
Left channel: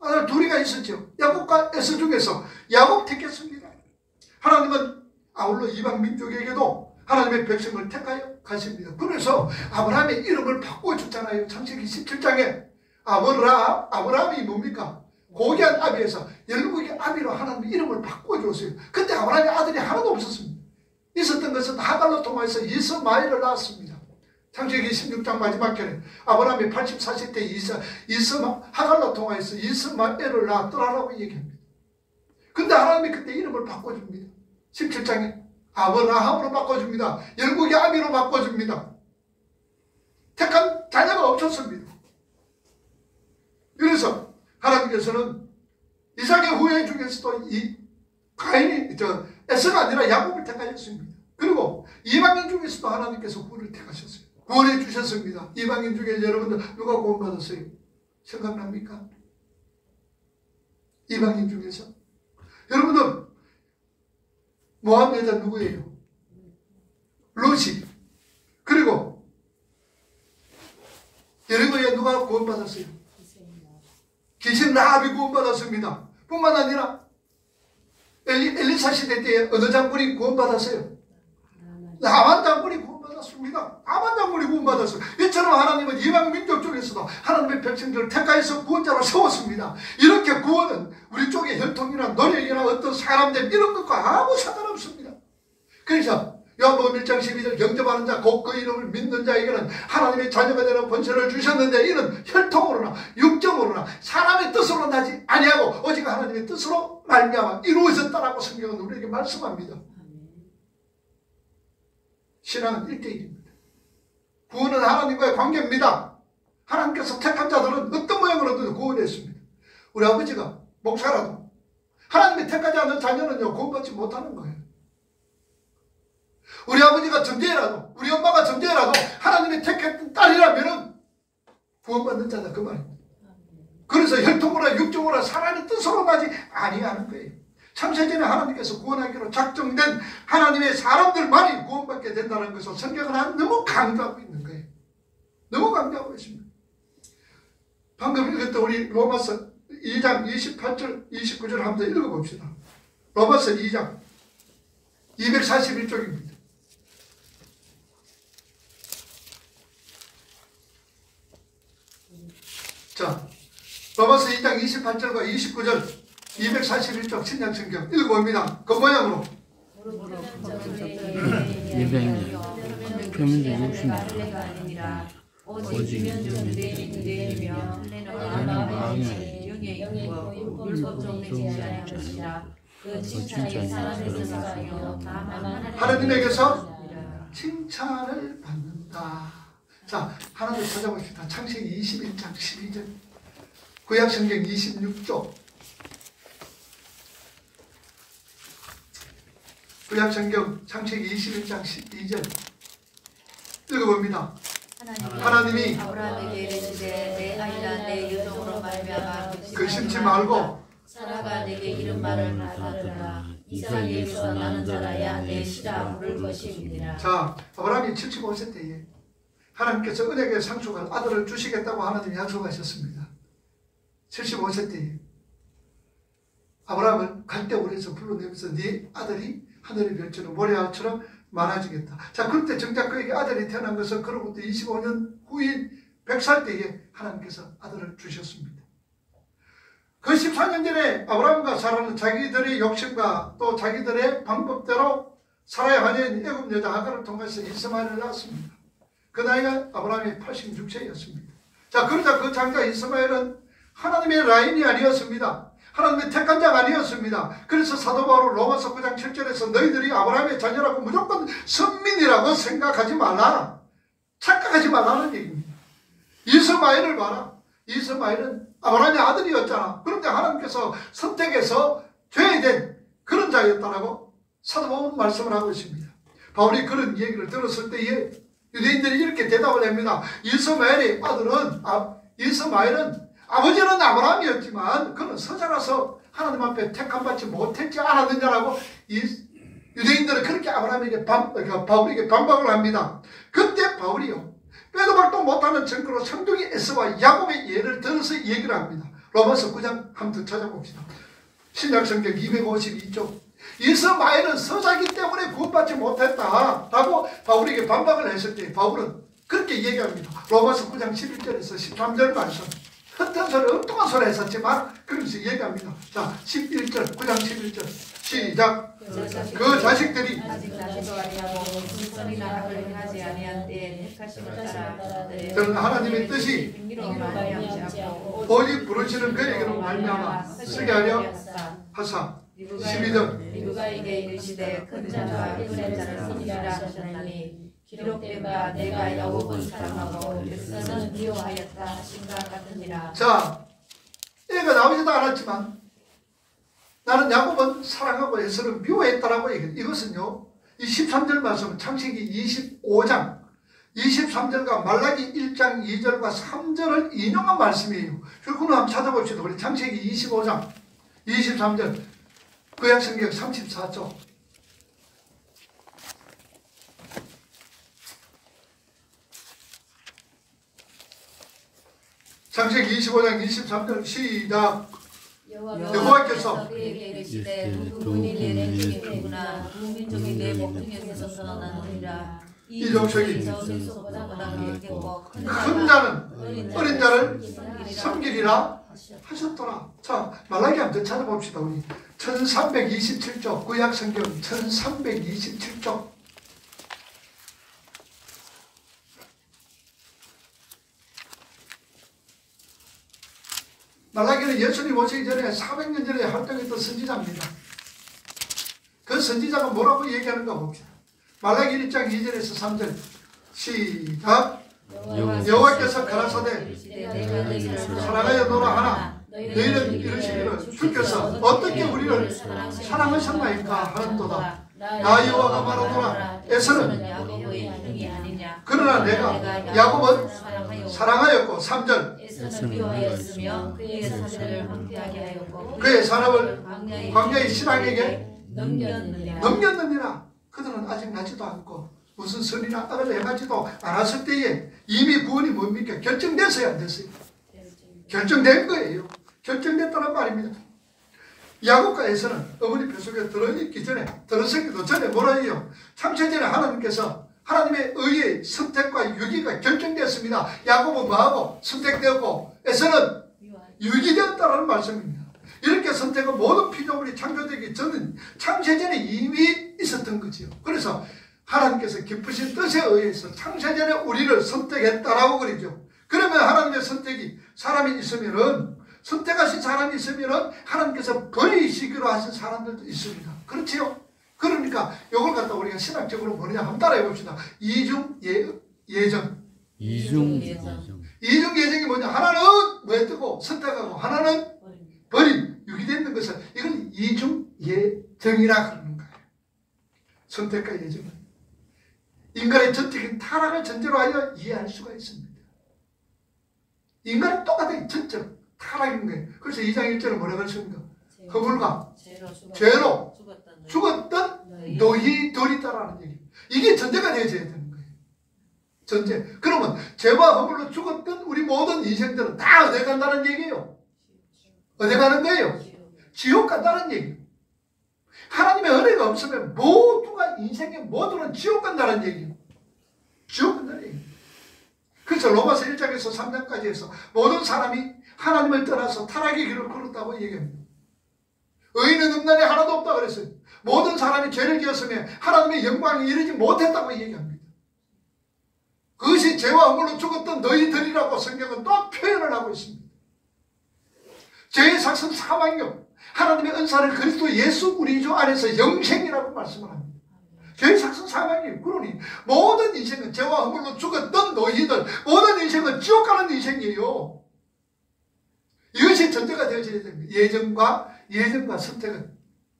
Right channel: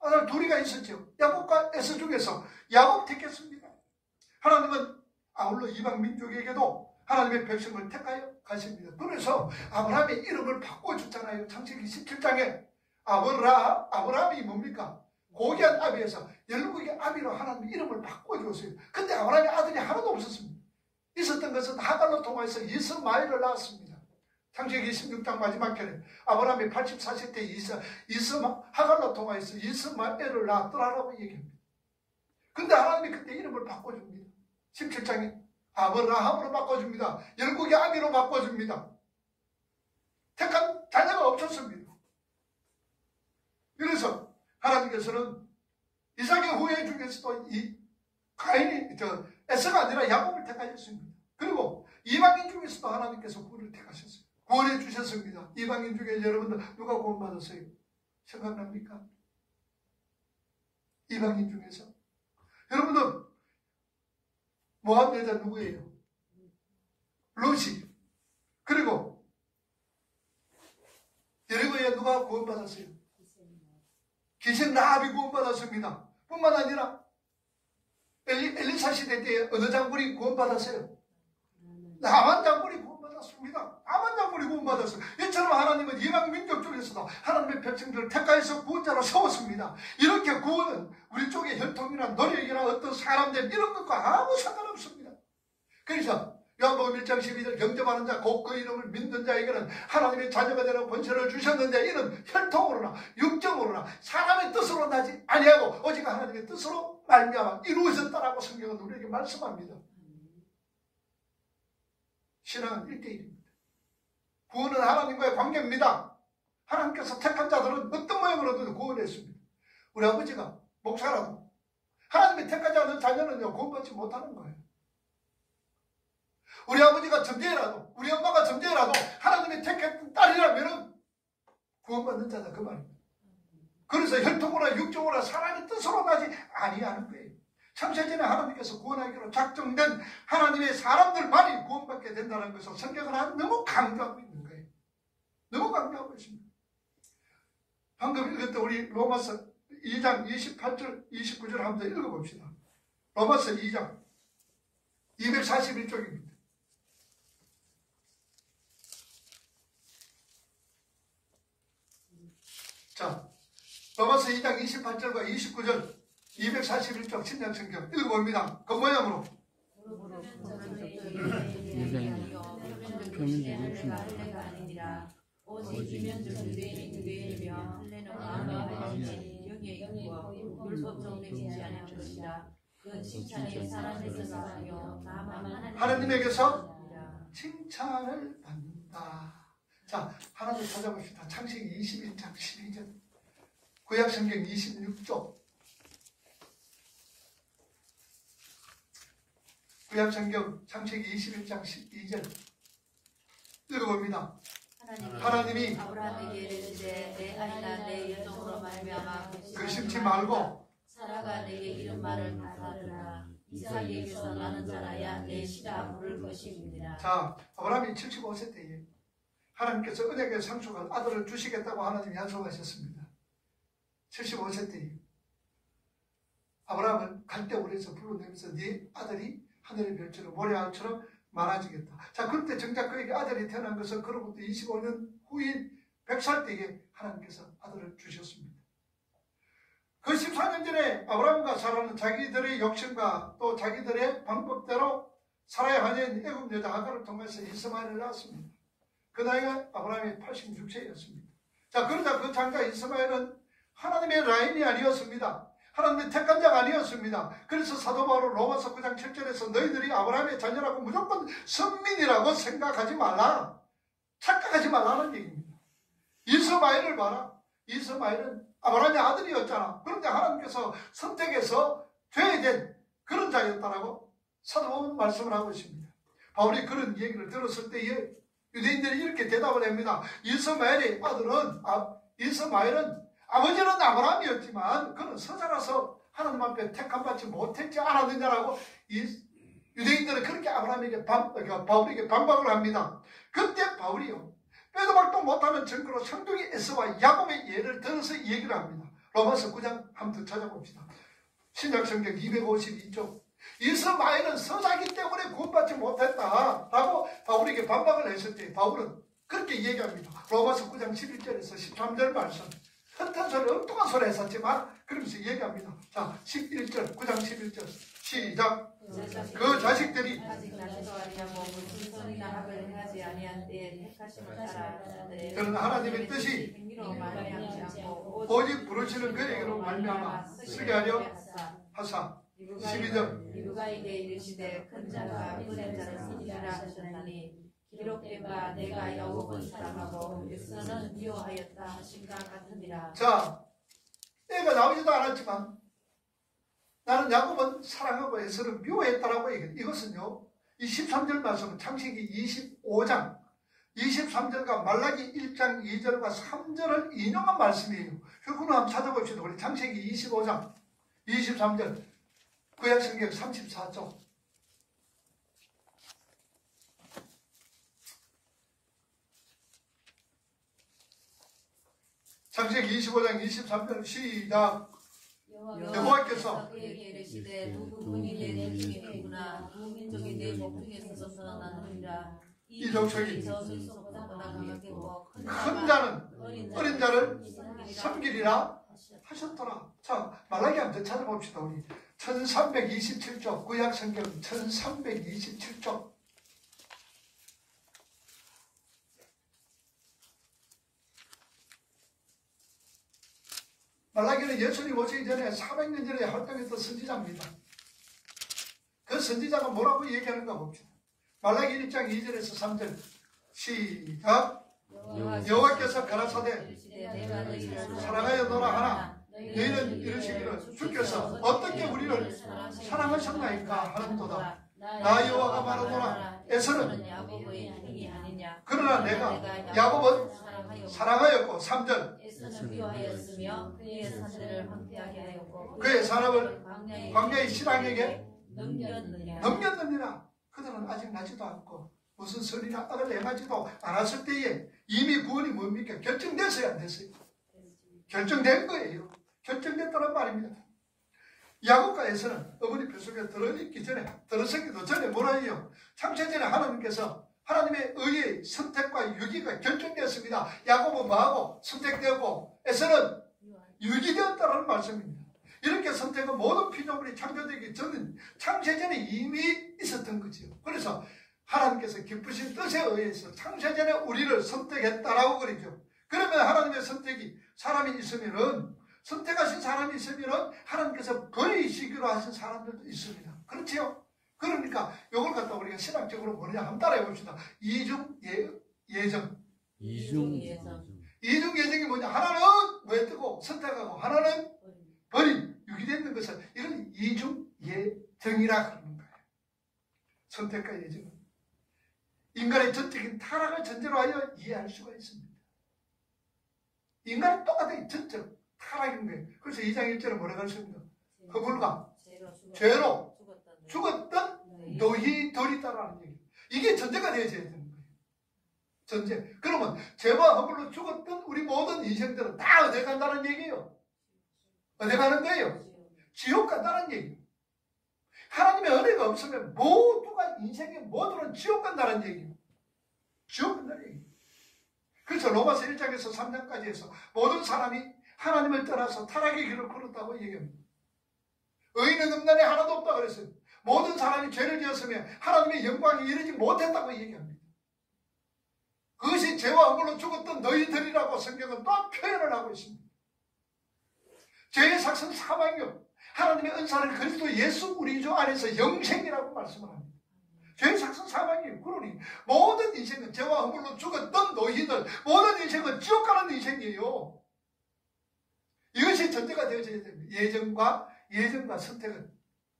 아들 둘이가 있었죠. 야곱과 에서 중에서 야곱 택했습니다. 하나님은 아울러 이방 민족에게도 하나님의 백성을 택하여 가십니다. 그래서 아브라함의 이름을 바꿔줬잖아요. 창세기 17장에 아브라함이 뭡니까? 고귀한 아비에서 열국의 아비로 하나님의 이름을 바꿔줬어요. 근데 아브라함의 아들이 하나도 없었습니다. 있었던 것은 하갈로 통해서 이스마엘을 낳았습니다. 창세기 16장 마지막 절에 아브라함이 84세 때 하갈로 통해서 이스마엘을 낳았더라라고 얘기합니다. 근데 하나님이 그때 이름을 바꿔줍니다. 17장에 아브라함으로 바꿔줍니다. 열국의 아비로 바꿔줍니다. 택한 자녀가 없었습니다. 그래서 하나님께서는 이삭의 후예 중에서도 에서가 아니라 야곱을 택하셨습니다. 그리고 이방인 중에서도 하나님께서 구원을 택하셨어요. 구원해 주셨습니다. 이방인 중에 여러분들 누가 구원받았어요? 생각납니까? 이방인 중에서 여러분들 모함 여자 누구예요? 롯이. 그리고 여리고에 누가 구원받았어요? 기생 라합이 구원받았습니다. 뿐만 아니라 엘리사 시대 때 어느 장군이 구원받았어요? 나만 장군이 구원받았습니다. 나만 장군이 구원받았어요. 이처럼 하나님은 이방 민족 중에서도 하나님의 백성들을 택하여서 구원자로 세웠습니다. 이렇게 구원은 우리 쪽의 혈통이나 노력이나 어떤 사람들 이런 것과 아무 상관없습니다. 그래서 요한복음 1장 12절 영접하는 자 곧 그 이름을 믿는 자에게는 하나님의 자녀가 되는 권세를 주셨는데 이는 혈통으로나 육정으로나 사람의 뜻으로 나지 아니하고 오직 하나님의 뜻으로 말미암아 이루어졌다라고 성경은 우리에게 말씀합니다. 신앙은 1대1입니다. 구원은 하나님과의 관계입니다. 하나님께서 택한 자들은 어떤 모양으로든 구원했습니다. 우리 아버지가 목사라도 하나님이 택하지 않은 자녀는요 구원받지 못하는 거예요. 우리 아버지가 점쟁이라도 우리 엄마가 점쟁이라도 하나님이 택했던 딸이라면 구원받는 자다 그 말입니다. 그래서 혈통으로 육정으로 사람의 뜻으로 나지 아니하는 거예요. 창세전에 하나님께서 구원하기로 작정된 하나님의 사람들만이 구원받게 된다는 것을 성경은 너무 강조하고 있는 거예요. 너무 강조하고 있습니다. 방금 읽었던 우리 로마서 2장 28절 29절 한번 읽어봅시다. 로마서 2장 241쪽입니다. 자, 로마서 2장 28절과 29절 241쪽 신약성경 읽어봅니다. 그 모양으로 오직 면적은 내이며 마음이 영의 그 칭찬이 사람에게서 나요 하나님에게서 칭찬을 받는다. 자, 하나 더 찾아봅시다. 창세기 21장 12절 구약성경 26조 구약성경 창세기 21장 12절 읽어봅니다. 하나님이 아브라함에게 이르시되 내 아이라 내 여종으로 말미암아 근심치 말고 사라가 내게 이런 말을 하더라. 이삭에게서 나는 자라야 내 씨라 부를 것이니라. 자, 아브라함이 75세 때에 하나님께서 은혜의 상속한 아들을 주시겠다고 하나님이 약속하셨습니다. 75세 때에 아브라함을 갈대우리에서 불러내면서 네 아들이 하늘의 별처럼 모래알처럼 많아지겠다. 자, 그때 정작 그에게 아들이 태어난 것은 그로부터 25년 후인 100살 때에 하나님께서 아들을 주셨습니다. 그 14년 전에 아브라함과 사라는 자기들의 욕심과 또 자기들의 방법대로 사라의 하녀인 애굽 여자 하갈을 통해서 이스마엘을 낳았습니다. 그 나이가 아브라함이 86세였습니다. 자, 그러자 그 장자 이스마엘은 하나님의 라인이 아니었습니다. 하나님의 택한 자가 아니었습니다. 그래서 사도 바울은 로마서 9장 7절에서 너희들이 아브라함의 자녀라고 무조건 선민이라고 생각하지 말라. 착각하지 말라는 얘기입니다. 이스마엘을 봐라. 이스마엘은 아브라함의 아들이었잖아. 그런데 하나님께서 선택해서 줘야 된 그런 자였다라고 사도 바울은 말씀을 하고 있습니다. 바울이 그런 얘기를 들었을 때에 유대인들이 이렇게 대답을 합니다. 이스마엘의 아들은 이스마엘은 아버지는 아브라함이었지만 그는 서자라서 하나님 앞에 택함받지 못했지 않았느냐라고 유대인들은 그렇게 아브라함에게 바울에게 반박을 합니다. 그때 바울이요 빼도 박도 못하는 증거로 성둥이 에서와 야곱의 예를 들어서 얘기를 합니다. 로마서 9장 한번 더 찾아봅시다. 신약성경 252쪽 이스마엘은 서자기 때문에 구원받지 못했다라고 바울에게 반박을 했을 때 바울은 그렇게 얘기합니다. 로마서 9장 11절에서 13절 말씀 헛된 소리 엉뚱한 소리 했었지만 그러면서 얘기합니다. 자 11절 9장 11절 시작. 그 자식들이 그런 하나님의 뜻이 오직 부르시는 그에게로 말미암아 쓰게 하려 하사 12절 누가에게 이르시되 큰 자가 어린 자를 섬기라 하셨나니 기록된 바 내가 야곱을 사랑하고 에서는 미워하였다 하신가 같으니라. 자, 애가 나오지도 않았지만 나는 야곱은 사랑하고 에서를 미워했다라고 얘기해요. 이것은요 이 13절 말씀은 창세기 25장 23절과 말라기 1장 2절과 3절을 인용한 말씀이에요. 그걸 한번 찾아봅시다. 우리 창세기 25장 23절 구약성경 34쪽 창세기 25장 23절 시작. 여호와께서 그에게 이르시되 두 분이 내 내중이구나 두 민족이 내 목중에서 솟아나느니라. 이 족속이 큰 자는 어린 자를 섬기리라 하셨더라. 자, 말라기 한번 찾아봅시다. 우리 1327쪽 구약성경 1327쪽 말라기는 예수님 오시기 전에 400년 전에 활동했던 선지자입니다. 그 선지자가 뭐라고 얘기하는가 봅시다. 말라기 1장 2절에서 3절 시작. 여호와께서 가라사대 사랑하여 노라 하나 너희는 이르시기를 주께서 어떻게 우리를 사랑하셨나이까 하는도다. 나 여호와가 말하노라 에서는 그러나 내가 야곱은 사랑하였고 3절 그의 사람을 광야의 신앙에게 넘겼느니라. 그들은 아직 나지도 않고 무슨 선이나 악을 행하지도 않았을 때에 이미 구원이 뭡니까? 결정됐어요 안 됐어요? 결정된 거예요. 결정됐다는 말입니다. 야곱과 에서는 어머니 뱃속에 들어있기 전에 들어서기도 전에 뭐라 해요? 창세전에 하나님께서 하나님의 의의 선택과 유기가 결정되었습니다. 야곱은 뭐하고 선택되었고 에서는 유기되었다는 말씀입니다. 이렇게 선택은 모든 피조물이 창조되기 전은 창세전에 이미 있었던 거지요. 그래서 하나님께서 깊으신 뜻에 의해서 창세전에 우리를 선택했다라고 그러죠. 그러면 하나님의 선택이 사람이 있으면은 선택하신 사람이 있으면은 하나님께서 버리시기로 하신 사람들도 있습니다. 그렇지요? 그러니까 이걸 갖다 우리가 신학적으로 뭐냐 한번 따라해 봅시다. 이중 예정. 이중 예정. 이중 예정이 뭐냐? 하나는 왜 뜨고 선택하고 하나는 버린 유기되는 것을 이건 이중 예정이라 그러는 거예요. 선택과 예정은 인간의 전적인 타락을 전제로 하여 이해할 수가 있습니다. 인간은 똑같은 전적 타락인 거예요. 그래서 2장 1절에 뭐라고 했습니까? 허물과 죄로 죽었던 너희들이다라는 얘기. 이게 전제가 되어져야 되는 거예요. 전제. 그러면 죄와 허물로 죽었던 우리 모든 인생들은 다 어디 간다는 얘기예요. 어디 가는 거예요? 지옥 간다는 얘기예요. 하나님의 은혜가 없으면 모두가 인생의 모두는 지옥 간다는 얘기예요. 지옥 간다는 얘기예요. 그래서 로마서 1장에서 3장까지 해서 모든 사람이 하나님을 떠나서 타락의 길을 걸었다고 얘기합니다. 의인은 음란에 하나도 없다고 그랬어요. 모든 사람이 죄를 지었으면 하나님의 영광에 이르지 못했다고 얘기합니다. 그것이 이것이 죄와 허물로 죽었던 너희들이라고 성경은 또 표현을 하고 있습니다. 죄의 삭은 사망이요, 하나님의 은사를 그리스도 예수 우리 주 안에서 영생이라고 말씀을 합니다. 죄의 삭은 사망이에요. 그러니 모든 인생은 죄와 허물로 죽었던 너희들, 모든 인생은 지옥 가는 인생이에요. 이것이 전제가 되어져야 됩니다. 예정과 선택은.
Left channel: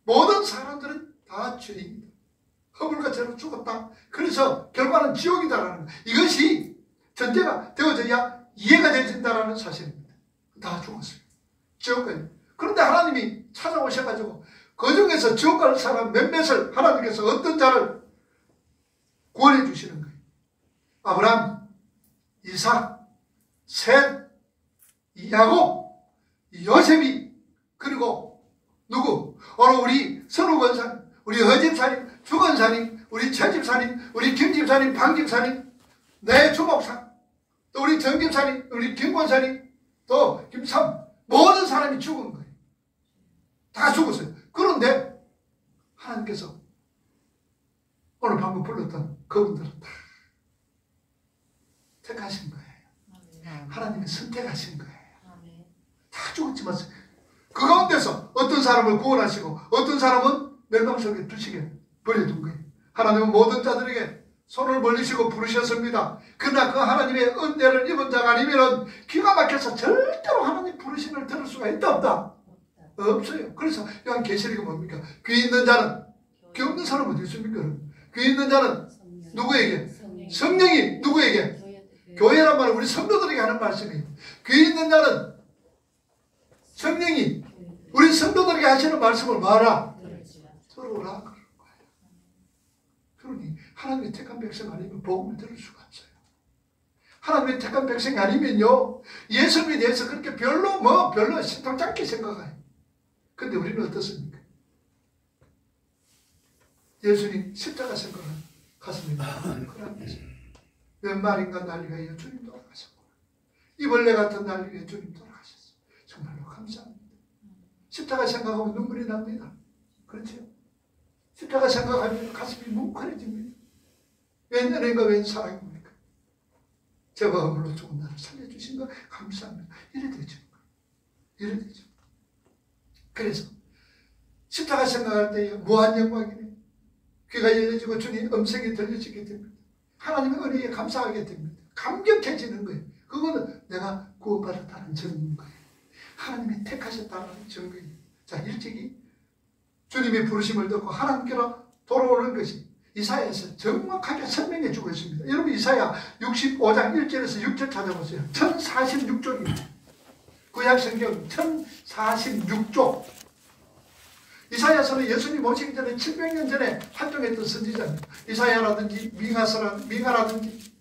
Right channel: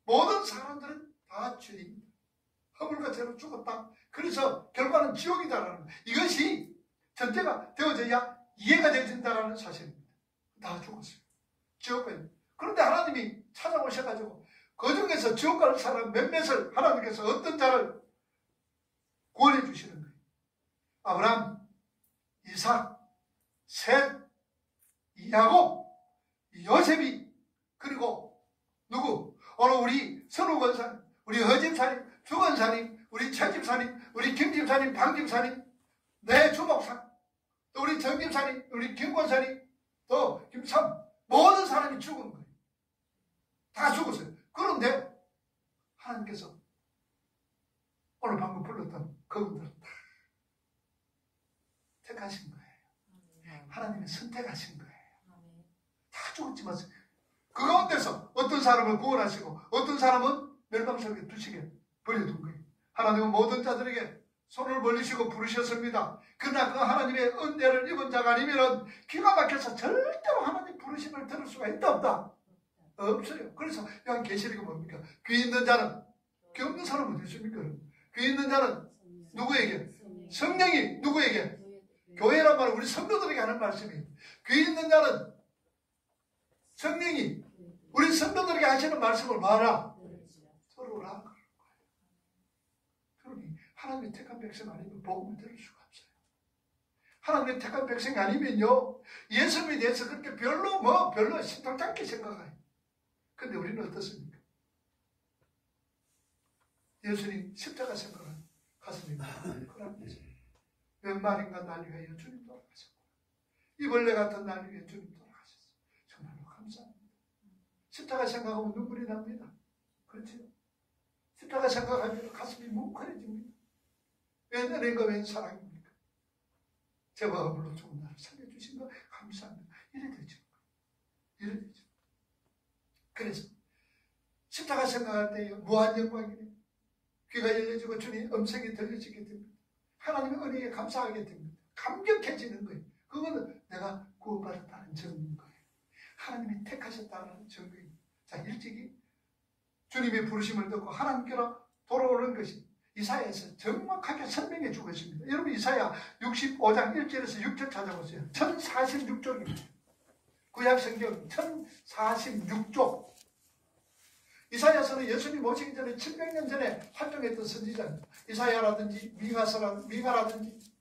모든 사람들은 다 죄입니다. 허물과 죄로 죽었다. 그래서 결과는 지옥이다라는 것. 이것이 전제가 되어져야 이해가 되어진다라는 사실입니다. 다 죽었어요. 지옥까지. 그런데 하나님이 찾아오셔가지고 그 중에서 지옥 갈 사람 몇몇을 하나님께서 어떤 자를 구원해 주시는 거예요. 아브라함, 이삭, 셋, 야곱, 요셉이, 그리고 누구? 오늘 우리 선우 권사님, 우리 허집사님, 주권사님, 우리 최집사님, 우리 김집사님, 방집사님, 내 주목사, 또 우리 정집사님, 우리 김권사님, 또 김삼, 모든 사람이 죽은 거예요. 다 죽었어요. 그런데 하나님께서 오늘 방금 불렀던 그분들은 다 택하신 거예요. 하나님이 선택하신 거예요. 다 죽었지만 그 가운데서 어떤 사람을 구원하시고 어떤 사람은 멸망 속에 두시게 버려둔 거예요. 하나님은 모든 자들에게 손을 벌리시고 부르셨습니다. 그러나 그 하나님의 은혜를 입은 자가 아니면 기가 막혀서 절대로 하나님 부르심을 들을 수가 있다 없다? 없어요. 그래서 요한 계시록이 뭡니까? 귀 있는 자는, 귀 없는 사람은 어디 있습니까? 귀 있는 자는 누구에게? 성령이 누구에게? 교회란 말은 우리 성도들에게 하는 말씀이에요. 귀 있는 자는 성령이 우리 성도들에게 하시는 말씀을 말하라. 들어오라. 그러니 하나님의 택한 백성 아니면 복음을 들을 수가 없어요. 하나님의 택한 백성이 아니면요, 예수님에 대해서 그렇게 별로 심상찮게 생각해요. 근데 우리는 어떻습니까? 예수님 십자가 생각은 가슴이 몇 마리인가 난리가 주님 돌아가셨구나. 이벌레 같은 난리가 주님 돌아가셨어요. 정말로 감사합니다. 십자가 생각하면 눈물이 납니다. 그렇죠? 십자가 생각하면 가슴이 뭉클해집니다. 웬 은혜가 웬 사랑입니까? 죄와 허물로 죽은 나를 살려주신 거 감사합니다. 이래 되죠. 이래 되죠. 그래서 십자가 생각할 때 무한 영광이네. 귀가 열려지고 주님 음성이 들려지게 됩니다. 하나님의 은혜에 감사하게 됩니다. 감격해지는 거예요. 그거는 내가 구원받았다는 증거인 거예요. 하나님이 택하셨다는 증거예요. 자, 일찍이 주님의 부르심을 듣고 하나님께로 돌아오는 것이 이사야에서 정확하게 설명해 주고 있습니다. 여러분 이사야 65장 1절에서 6절 찾아보세요. 1046쪽입니다. 구약성경 1046쪽. 이사야서는 예수님 오시기 전에 700년 전에 활동했던 선지자입니다. 이사야라든지 미가라든지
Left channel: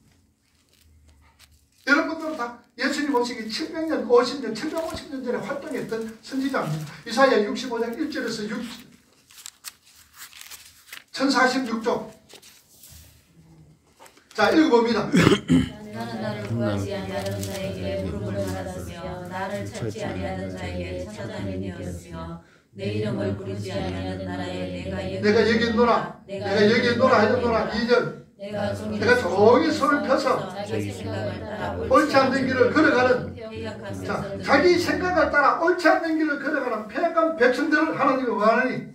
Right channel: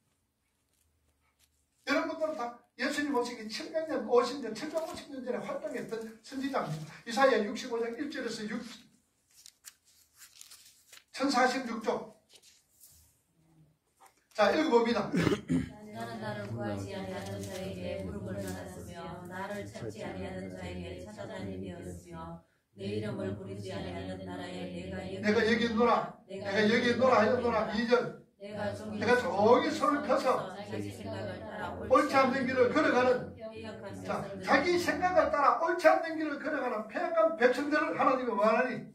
여러분들은 다 예수님 오시기 700년, 50년, 750년 전에 활동했던 선지자입니다. 이사야 65장 1절에서 1046쪽. 자, 읽어봅니다. 나는 나를 구하지 아니하는 자에게 물음을 받았으며 나를 찾지 아니하는 자에게 찾아다니었으며 내 이름을 부르지 아니하는 나라에 내가 여기 있노라. 내가 여기 있노라 하였노라. 2절. 내가 종이 손을 펴서 옳지 않는 길을 걸어가는, 자, 자기 생각을 따라 옳지 않는 길을 걸어가는 폐역한 백성들을 하나님이 원하니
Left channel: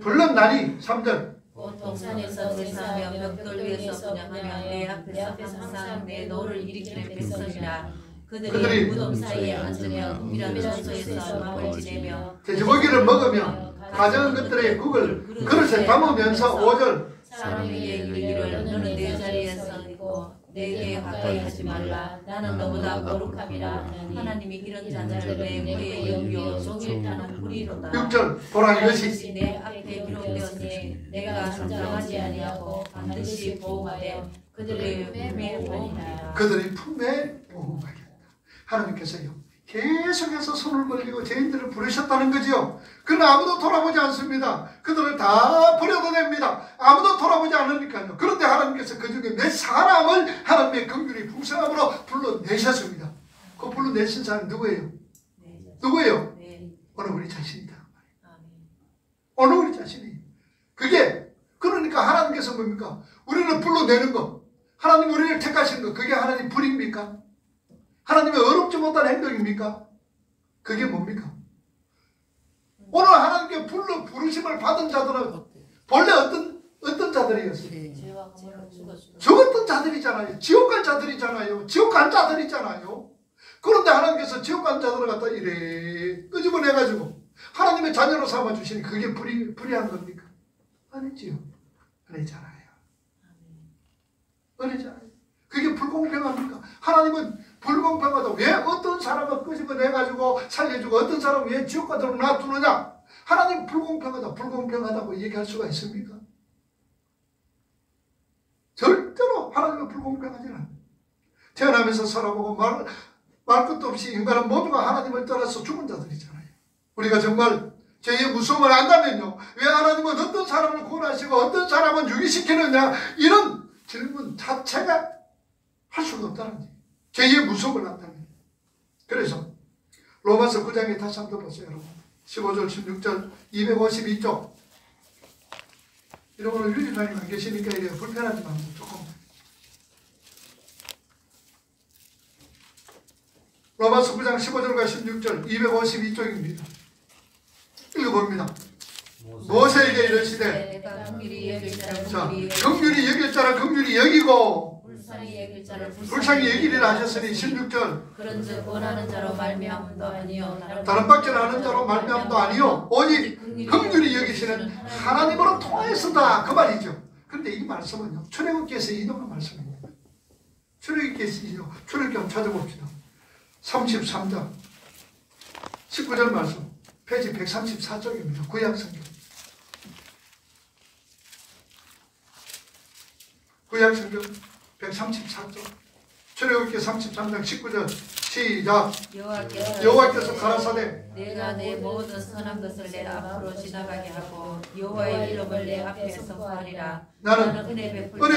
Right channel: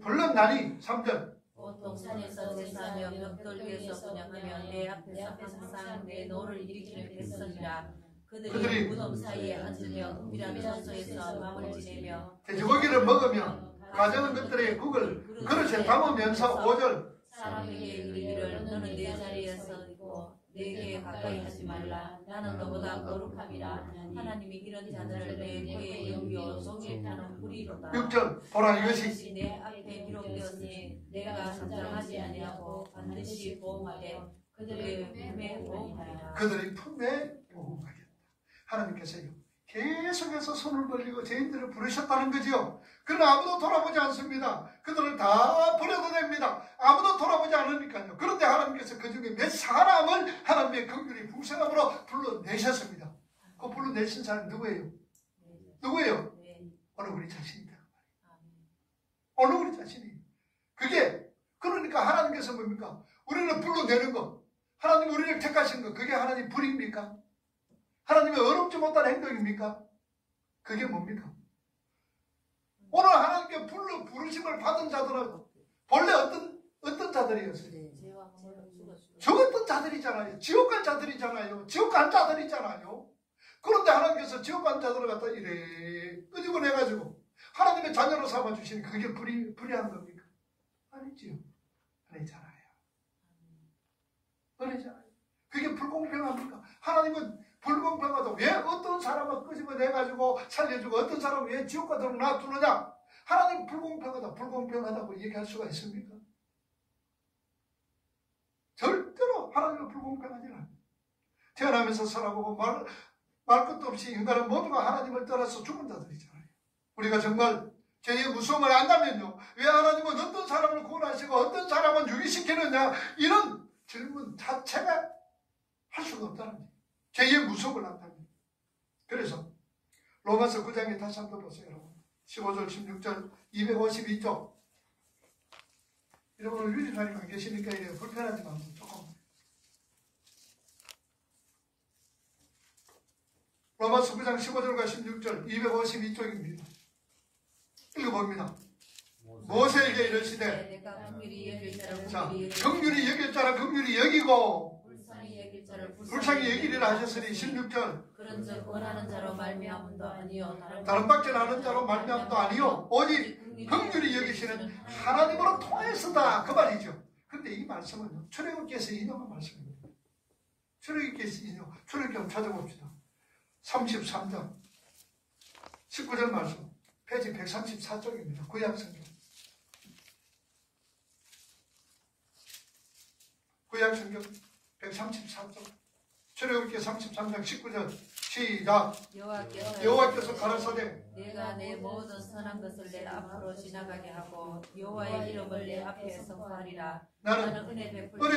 불렀나니. 3절. 동산에서 제사하며 벽돌 위에서 분양하며 내 앞에서 항상 내 노를 일으키는 백성이라. 그들이 무덤 사이에 앉으며 은밀한 장소에서 마음을 지내며 돼지고기를 먹으며 가져온 것들의 국을 그릇에 담으면서 5절. 사람에게 이르기를 너는 내 자리에서 있고 내게 가까이 하지 말라. 나는 너보다 거룩함이라. 하나님이 이런 자를 내 후에 여기어 종일 타는 불의로다. 6절. 보라, 이것이 내 앞에 기록되었으니 내가 잠잠하지 아니하고 반드시 보호하되 그들의 품에 보호하리라. 그들의 품에 보호하겠다. 하나님께서요 계속해서 손을 벌리고 죄인들을 부르셨다는 거지요. 그러나 아무도 돌아보지 않습니다. 그들을 다 버려도 됩니다. 아무도 돌아보지 않으니까요. 그런데 하나님께서 그 중에 몇 사람을 하나님의 긍휼이 풍성함으로 불러내셨습니다. 그 불러내신 사람이 누구예요? 누구예요? 오늘 우리 자신이다. 오늘 우리 자신이. 그게 그러니까 하나님께서 뭡니까? 우리를 불러내는 거. 하나님 우리를 택하신 것, 그게 하나님 불입니까? 하나님의 어렵지 못한 행동입니까? 그게 뭡니까? 오늘 하나님께 부르심을 받은 자들은 본래 어떤 자들이었어요? 죽었던 자들이잖아요. 지옥 갈 자들이잖아요. 지옥 간 자들이잖아요. 그런데 하나님께서 지옥 간 자들을 갖다 이래 끄집어내가지고 하나님의 자녀로 삼아주시니 그게 불의한 겁니까? 아니지요. 은혜잖아요. 은혜잖아요. 그게 불공평합니까? 하나님은 불공평하다. 왜 어떤 사람을 끄집어내가지고 살려주고 어떤 사람은 왜 지옥 가도록 놔두느냐? 하나님 불공평하다. 불공평하다고 얘기할 수가 있습니까? 절대로 하나님은 불공평하지 않아요. 태어나면서 살아보고 말 것도 없이 인간은 모두가 하나님을 떠나서 죽은 자들이잖아요. 우리가 정말 죄의 무서움을 안다면요, 왜 하나님은 어떤 사람을 구원하시고 어떤 사람은 유기시키느냐, 이런 질문 자체가 할 수가 없다는 거예요. 죄의 무서움을 안다면. 그래서 로마서 9장에 다시 한번 보세요, 여러분. 15절 16절 252쪽. 이런 거는 유리사님 안 계시니까 이래 불편하지만 조금. 로마서 9장 15절과 16절 252쪽입니다. 읽어봅니다. 모세에게 이르시되, 자, 긍휼히 여길 자라 긍휼히 여기고 불쌍히 여기리라 하셨으니 16절 그런즉 원하는 자로 말미암음도 아니요 다른 박제를 하는 자로 말미암음도 아니요 오직 긍휼히 여기시는 하나님으로 통해서다, 그 말이죠. 그런데 이 말씀은요, 출애굽기에서 인용한 말씀입니다. 출애굽기에서 인용, 출애굽기 한번 찾아봅시다. 33장 19절 말씀, 페이지 134쪽입니다. 구약성경. 구약성경 134쪽. 출애굽기 33장 19절 시작. 여호와께서 가라사대 내가 내 모든 선한 것을 내 앞으로 지나가게 하고 여호와의 이름을 내 앞에서 구하리라. 나는 은혜 베풀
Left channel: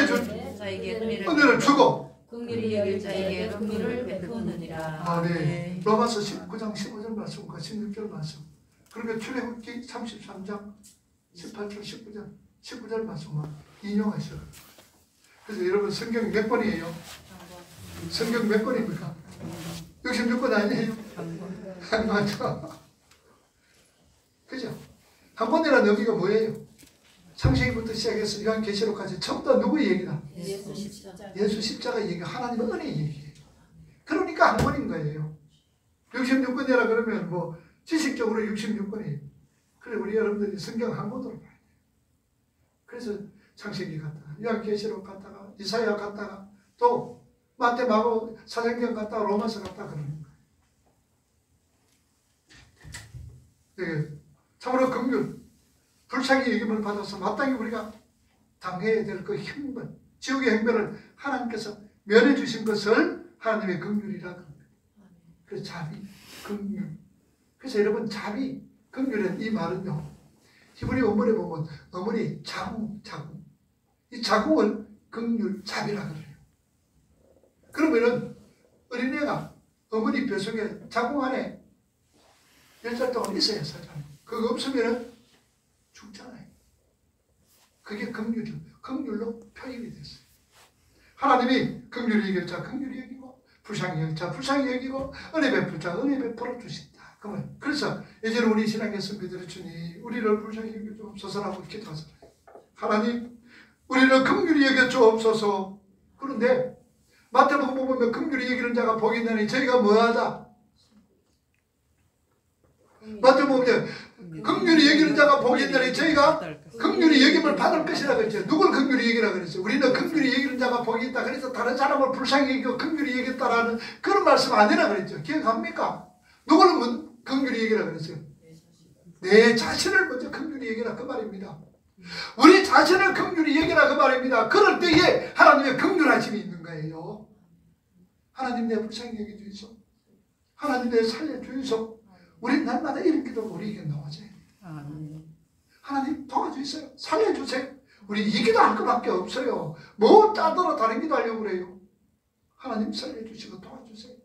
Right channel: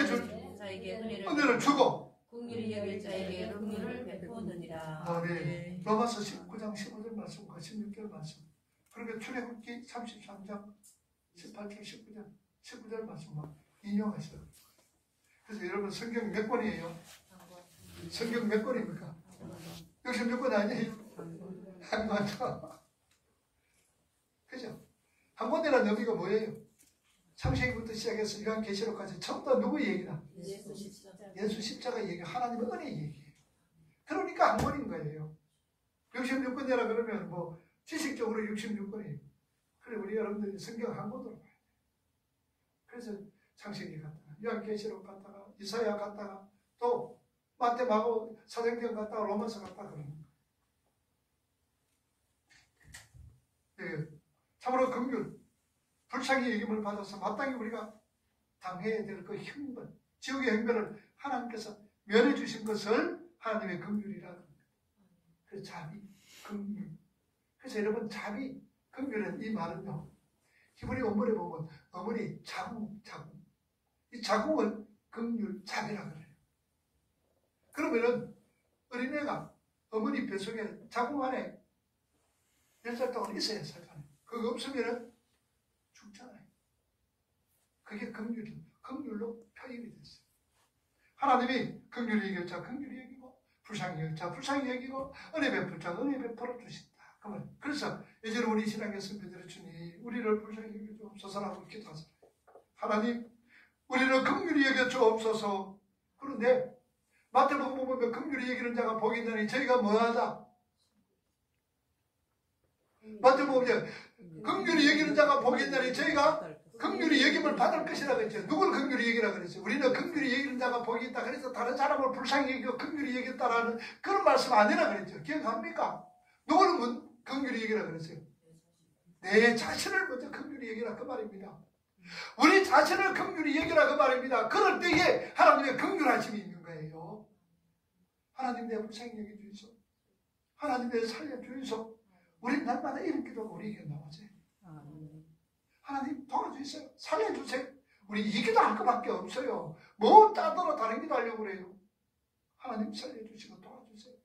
자에게 은혜를 주고 긍휼히 여길 자에게 긍휼을 베푸느니라. 아멘. 로마서 19장 15절 말씀과 16절 말씀. 그러니까 출애굽기 33장 18절 19절 말씀만 인용하셔요. 그래서 여러분 성경 몇 권이에요? 성경 몇 권입니까? 66권 아니에요? 맞죠? 그죠? 한 권이라는 의미가 뭐예요? 창세기부터 시작해서 요한계시록까지 전부 다 누구의 얘기다? 예수 십자가. 예수 십자가 얘기, 하나님의 은혜의 얘기예요. 그러니까 한 권인 거예요. 66권이라 그러면 뭐 지식적으로 66권이에요. 그래 우리 여러분들이 성경 한 권으로 봐요. 그래서 창세기 갔다가 요한계시록 갔다가 이사야 갔다가 또 마태 마고 사도행전 갔다가 로마서 갔다가 그러는 거예요. 네. 참으로 긍휼, 불쌍히 여김을 받아서 마땅히 우리가 당해야 될 그 형벌, 지옥의 형벌을 하나님께서 면해 주신 것을 하나님의 긍휼이라고 합니다. 그래서 자비, 긍휼. 그래서 여러분 자비, 긍휼은 이 말은요, 히브리 원문에 보면 어머니 자궁. 이 자궁을 긍휼, 자비라 그래요. 그러면은 어린애가 어머니 뱃속에 자궁 안에 10살 동안 있어야 살잖아요. 그거 없으면은 죽잖아요. 그게 긍휼이죠. 긍휼로 표현이 됐어요. 하나님이 긍휼히 여길 자 긍휼히 여기고 불쌍히 여길 자 불쌍히 여기고 은혜 베풀 자 은혜 베풀어 주신다. 그래서 예전에 우리 신앙에서 믿으러 주니 우리를 불쌍히 여겨 주옵소서라고 기도하잖아요. 하나님 우리를 긍휼히 여겨 주옵소서. 그런데 마태복음 보면 긍휼히 여기는 자가 복이 있나니 저희가 뭐하자? 마태복음에 긍휼히 여기는 자가 복이 있나니 저희가 긍휼히 여김을 받을 것이라고 했죠. 누굴 긍휼히 여기라 그랬어요? 우리는 긍휼히 여기는 자가 복이 있다. 그래서 다른 사람을 불쌍히 여기고 긍휼히 여겼다라는 그런 말씀 아니라 그랬죠. 기억합니까? 누구는 긍휼히 여기라 그랬어요? 내 자신을 먼저 긍휼히 여기라 그 말입니다. 우리 자신을 긍휼히 여기라 그 말입니다. 그럴 때에 하나님의 긍휼하심이 있는 거예요. 하나님 내 불쌍히 여겨주이소. 하나님 내 살려주이소. 우리 날마다 이런 기도가 우리에게 나와져요. 하나님 도와주세요. 살려주세요. 우리 이 기도할 것밖에 없어요. 뭐 짜더라 다른 기도하려고 그래요. 하나님 살려주시고 도와주세요.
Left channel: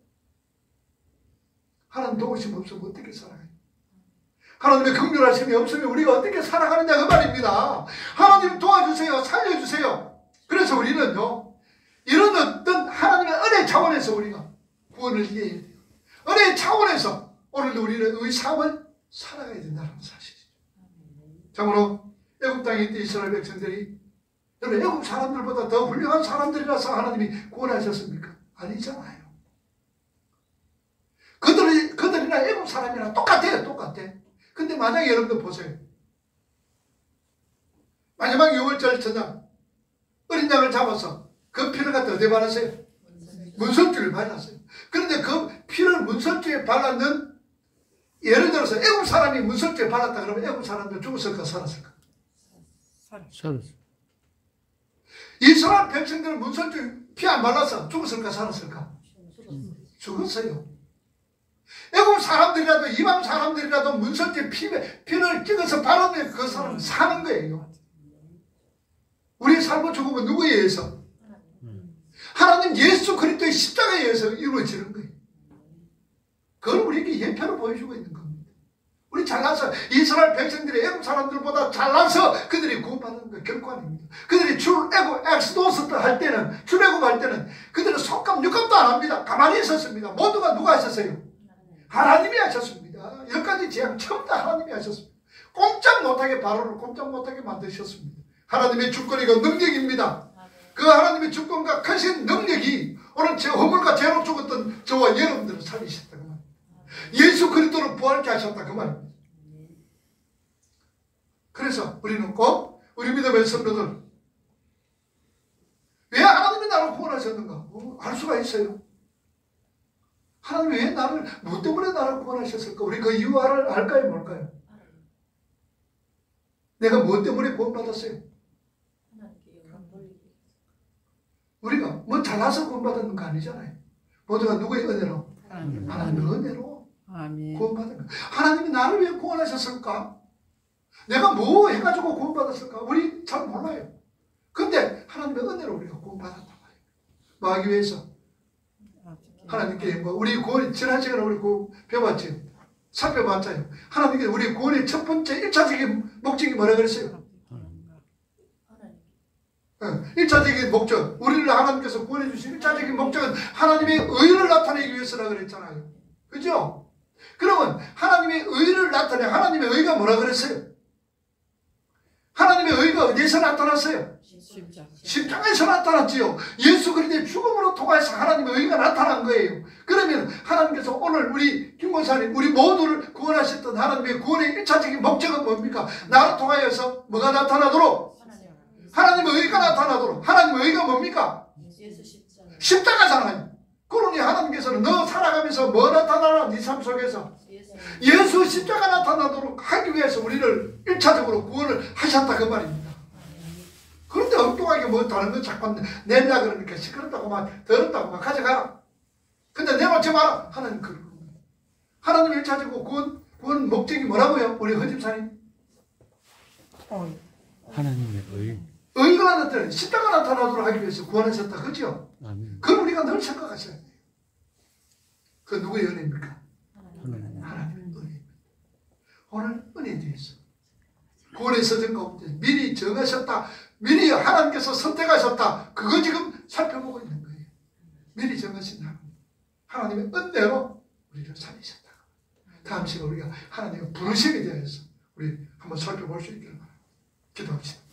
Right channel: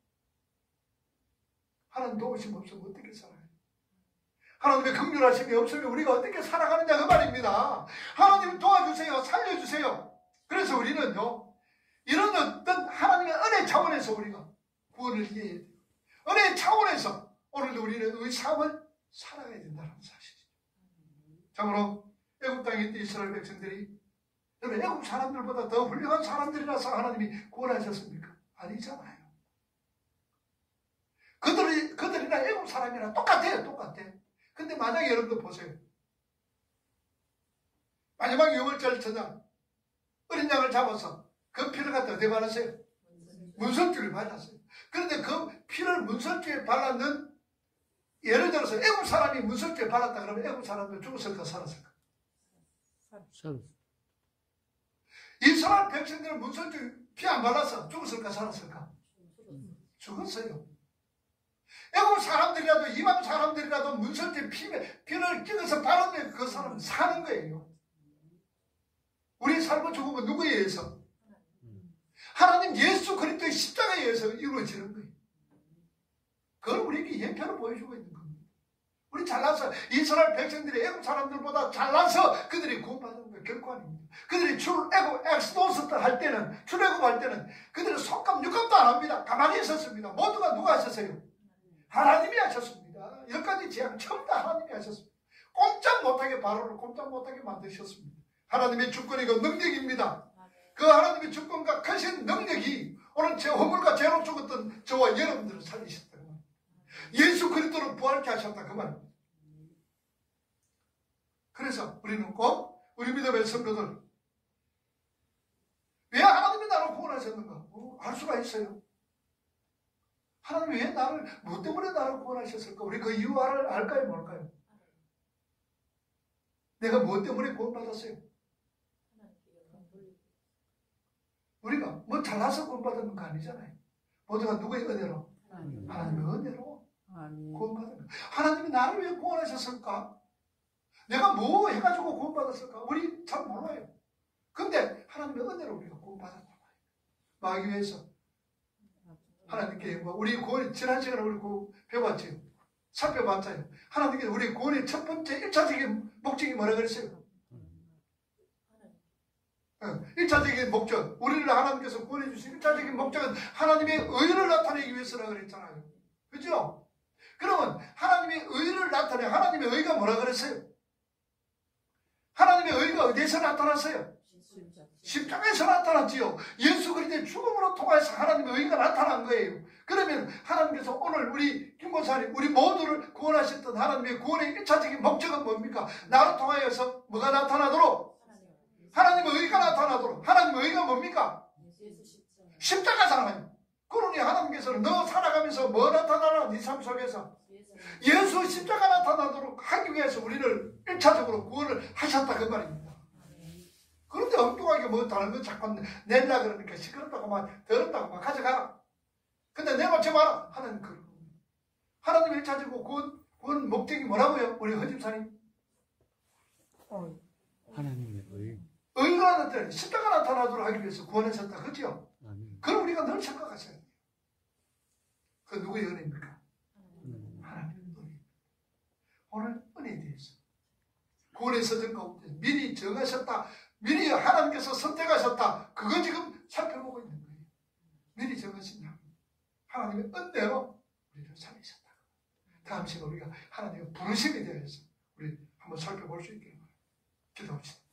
하나님 도우심 없으면 어떻게 살아가요? 하나님의 긍휼하심이 없으면 우리가 어떻게 살아가느냐 그 말입니다. 하나님 도와주세요. 살려주세요. 그래서 우리는요, 차원에서 우리가 구원을 이해해야 돼요. 은혜의 차원에서 오늘도 우리는 우리 삶을 살아가야 된다는 사실이죠. 참으로 애굽 땅에 있던 이스라엘 백성들이 여러분 애굽 사람들보다 더 훌륭한 사람들이라서 하나님이 구원하셨습니까? 아니잖아요. 그들이나 애굽 사람이나 똑같아요. 똑같아. 근데 만약에 여러분들 보세요. 마지막 유월절 저녁 어린 양을 잡아서 그 피를 갖다 어디에 발랐어요? 문설주에 발랐어요. 그런데 그 피를 문설주에 발랐는, 예를 들어서 애국 사람이 문설주에 발랐다 그러면 애국 사람들 죽었을까 살았을까? 살았어. 이스라엘 백성들은 문설주에 피 안 발라서 죽었을까 살았을까? 죽었어요. 애국 사람들이라도 이방 사람들이라도 문설주에 피를 찍어서 바르면 그 사람은 사는 거예요. 우리의 삶과 죽음은 누구에 의해서? 하나님 예수 그리스도의 십자가에 의해서 이루어지는 거예요. 그걸 우리에게 예표로 보여주고 있는 겁니다. 우리 잘나서 이스라엘 백성들이 애국 사람들보다 잘나서 그들이 구원받는 거 결코 아닙니다. 그들이 엑스도스 할 때는, 출애굽할 때는 그들은 속감 육감도 안 합니다. 가만히 있었습니다. 모두가 누가 하셨어요? 하나님이 하셨습니다. 10가지 재앙 처음 다 하나님이 하셨습니다. 꼼짝 못하게 바로를 꼼짝 못하게 만드셨습니다. 하나님의 주권이고 능력입니다. 그 하나님의 주권과 크신 능력이 오늘 제 허물과 죄로 죽었던 저와 여러분들을 살리셨다 그 말입니다. 예수 그리스도를 부활케 하셨다 그 말입니다. 그래서 우리는 꼭 우리 믿음의 성도들, 왜 하나님이 나를 구원하셨는가? 알 수가 있어요. 하나님 왜 나를, 뭐 때문에 나를 구원하셨을까? 우리 그 이유 알까요? 뭘까요? 내가 뭐 때문에 구원받았어요? 우리가 뭐 잘나서 구원받은 거 아니잖아요. 모두가 누구의 은혜로? 하나님의 은혜로 구원받은 거. 하나님이 나를 왜 구원하셨을까? 내가 뭐 해가지고 구원받았을까? 우리 잘 몰라요. 근데 하나님의 은혜로 우리가 구원받았단 말이에요. 뭐 하기 위해서? 하나님께 뭐 우리 구원이 지난 시간에 우리 배웠죠. 살펴봤잖아요. 하나님께 우리 구원의 첫 번째 1차적인 목적이 뭐라 그랬어요? 1차적인 목적, 우리를 하나님께서 구원해 주신 1차적인 목적은 하나님의 의를 나타내기 위해서라 그랬잖아요. 그죠? 그러면 하나님의 의를 나타내, 하나님의 의가 뭐라 그랬어요? 하나님의 의가 어디에서 나타났어요? 십자가에서 나타났지요. 예수 그리스도의 죽음으로 통해서 하나님의 의가 나타난 거예요. 그러면 하나님께서 오늘 우리 김권사님, 우리 모두를 구원하셨던 하나님의 구원의 1차적인 목적은 뭡니까? 나를 통하여서 뭐가 나타나도록? 하나님의 의가 나타나도록. 하나님의 의가 뭡니까? 십자가잖아요. 그러니 하나님께서는 너 살아가면서 뭐 나타나라? 네 삶 속에서 예수 십자가 나타나도록 하기 위해서 우리를 1차적으로 구원을 하셨다 그 말입니다. 그런데 엉뚱하게 뭐 다른 거 자꾸 내려 그러니까 시끄럽다고 막 더럽다고 막 가져가라. 근데 내놓지 마라. 하나님 그런 겁니다. 하나님 1차적으로 구원 목적이 뭐라고요? 우리 허집사님? 하나님의 의. 의가 나타나, 십자가 나타나도록 하기 위해서 구원하셨다. 그죠? 그걸 우리가 늘 생각하셔야 돼요. 그 누구의 은혜입니까? 하나님의 은혜입니다. 오늘 은혜에 대해서 구원의 서정 가운데 미리 정하셨다. 미리 하나님께서 선택하셨다. 그거 지금 살펴보고 있는 거예요. 미리 정하신 하나님의 은혜로 우리를 살리셨다. 다음 시간에 우리가 하나님의 부르심에 대해서 우리 한번 살펴볼 수 있기를 바랍니다. 기도합시다.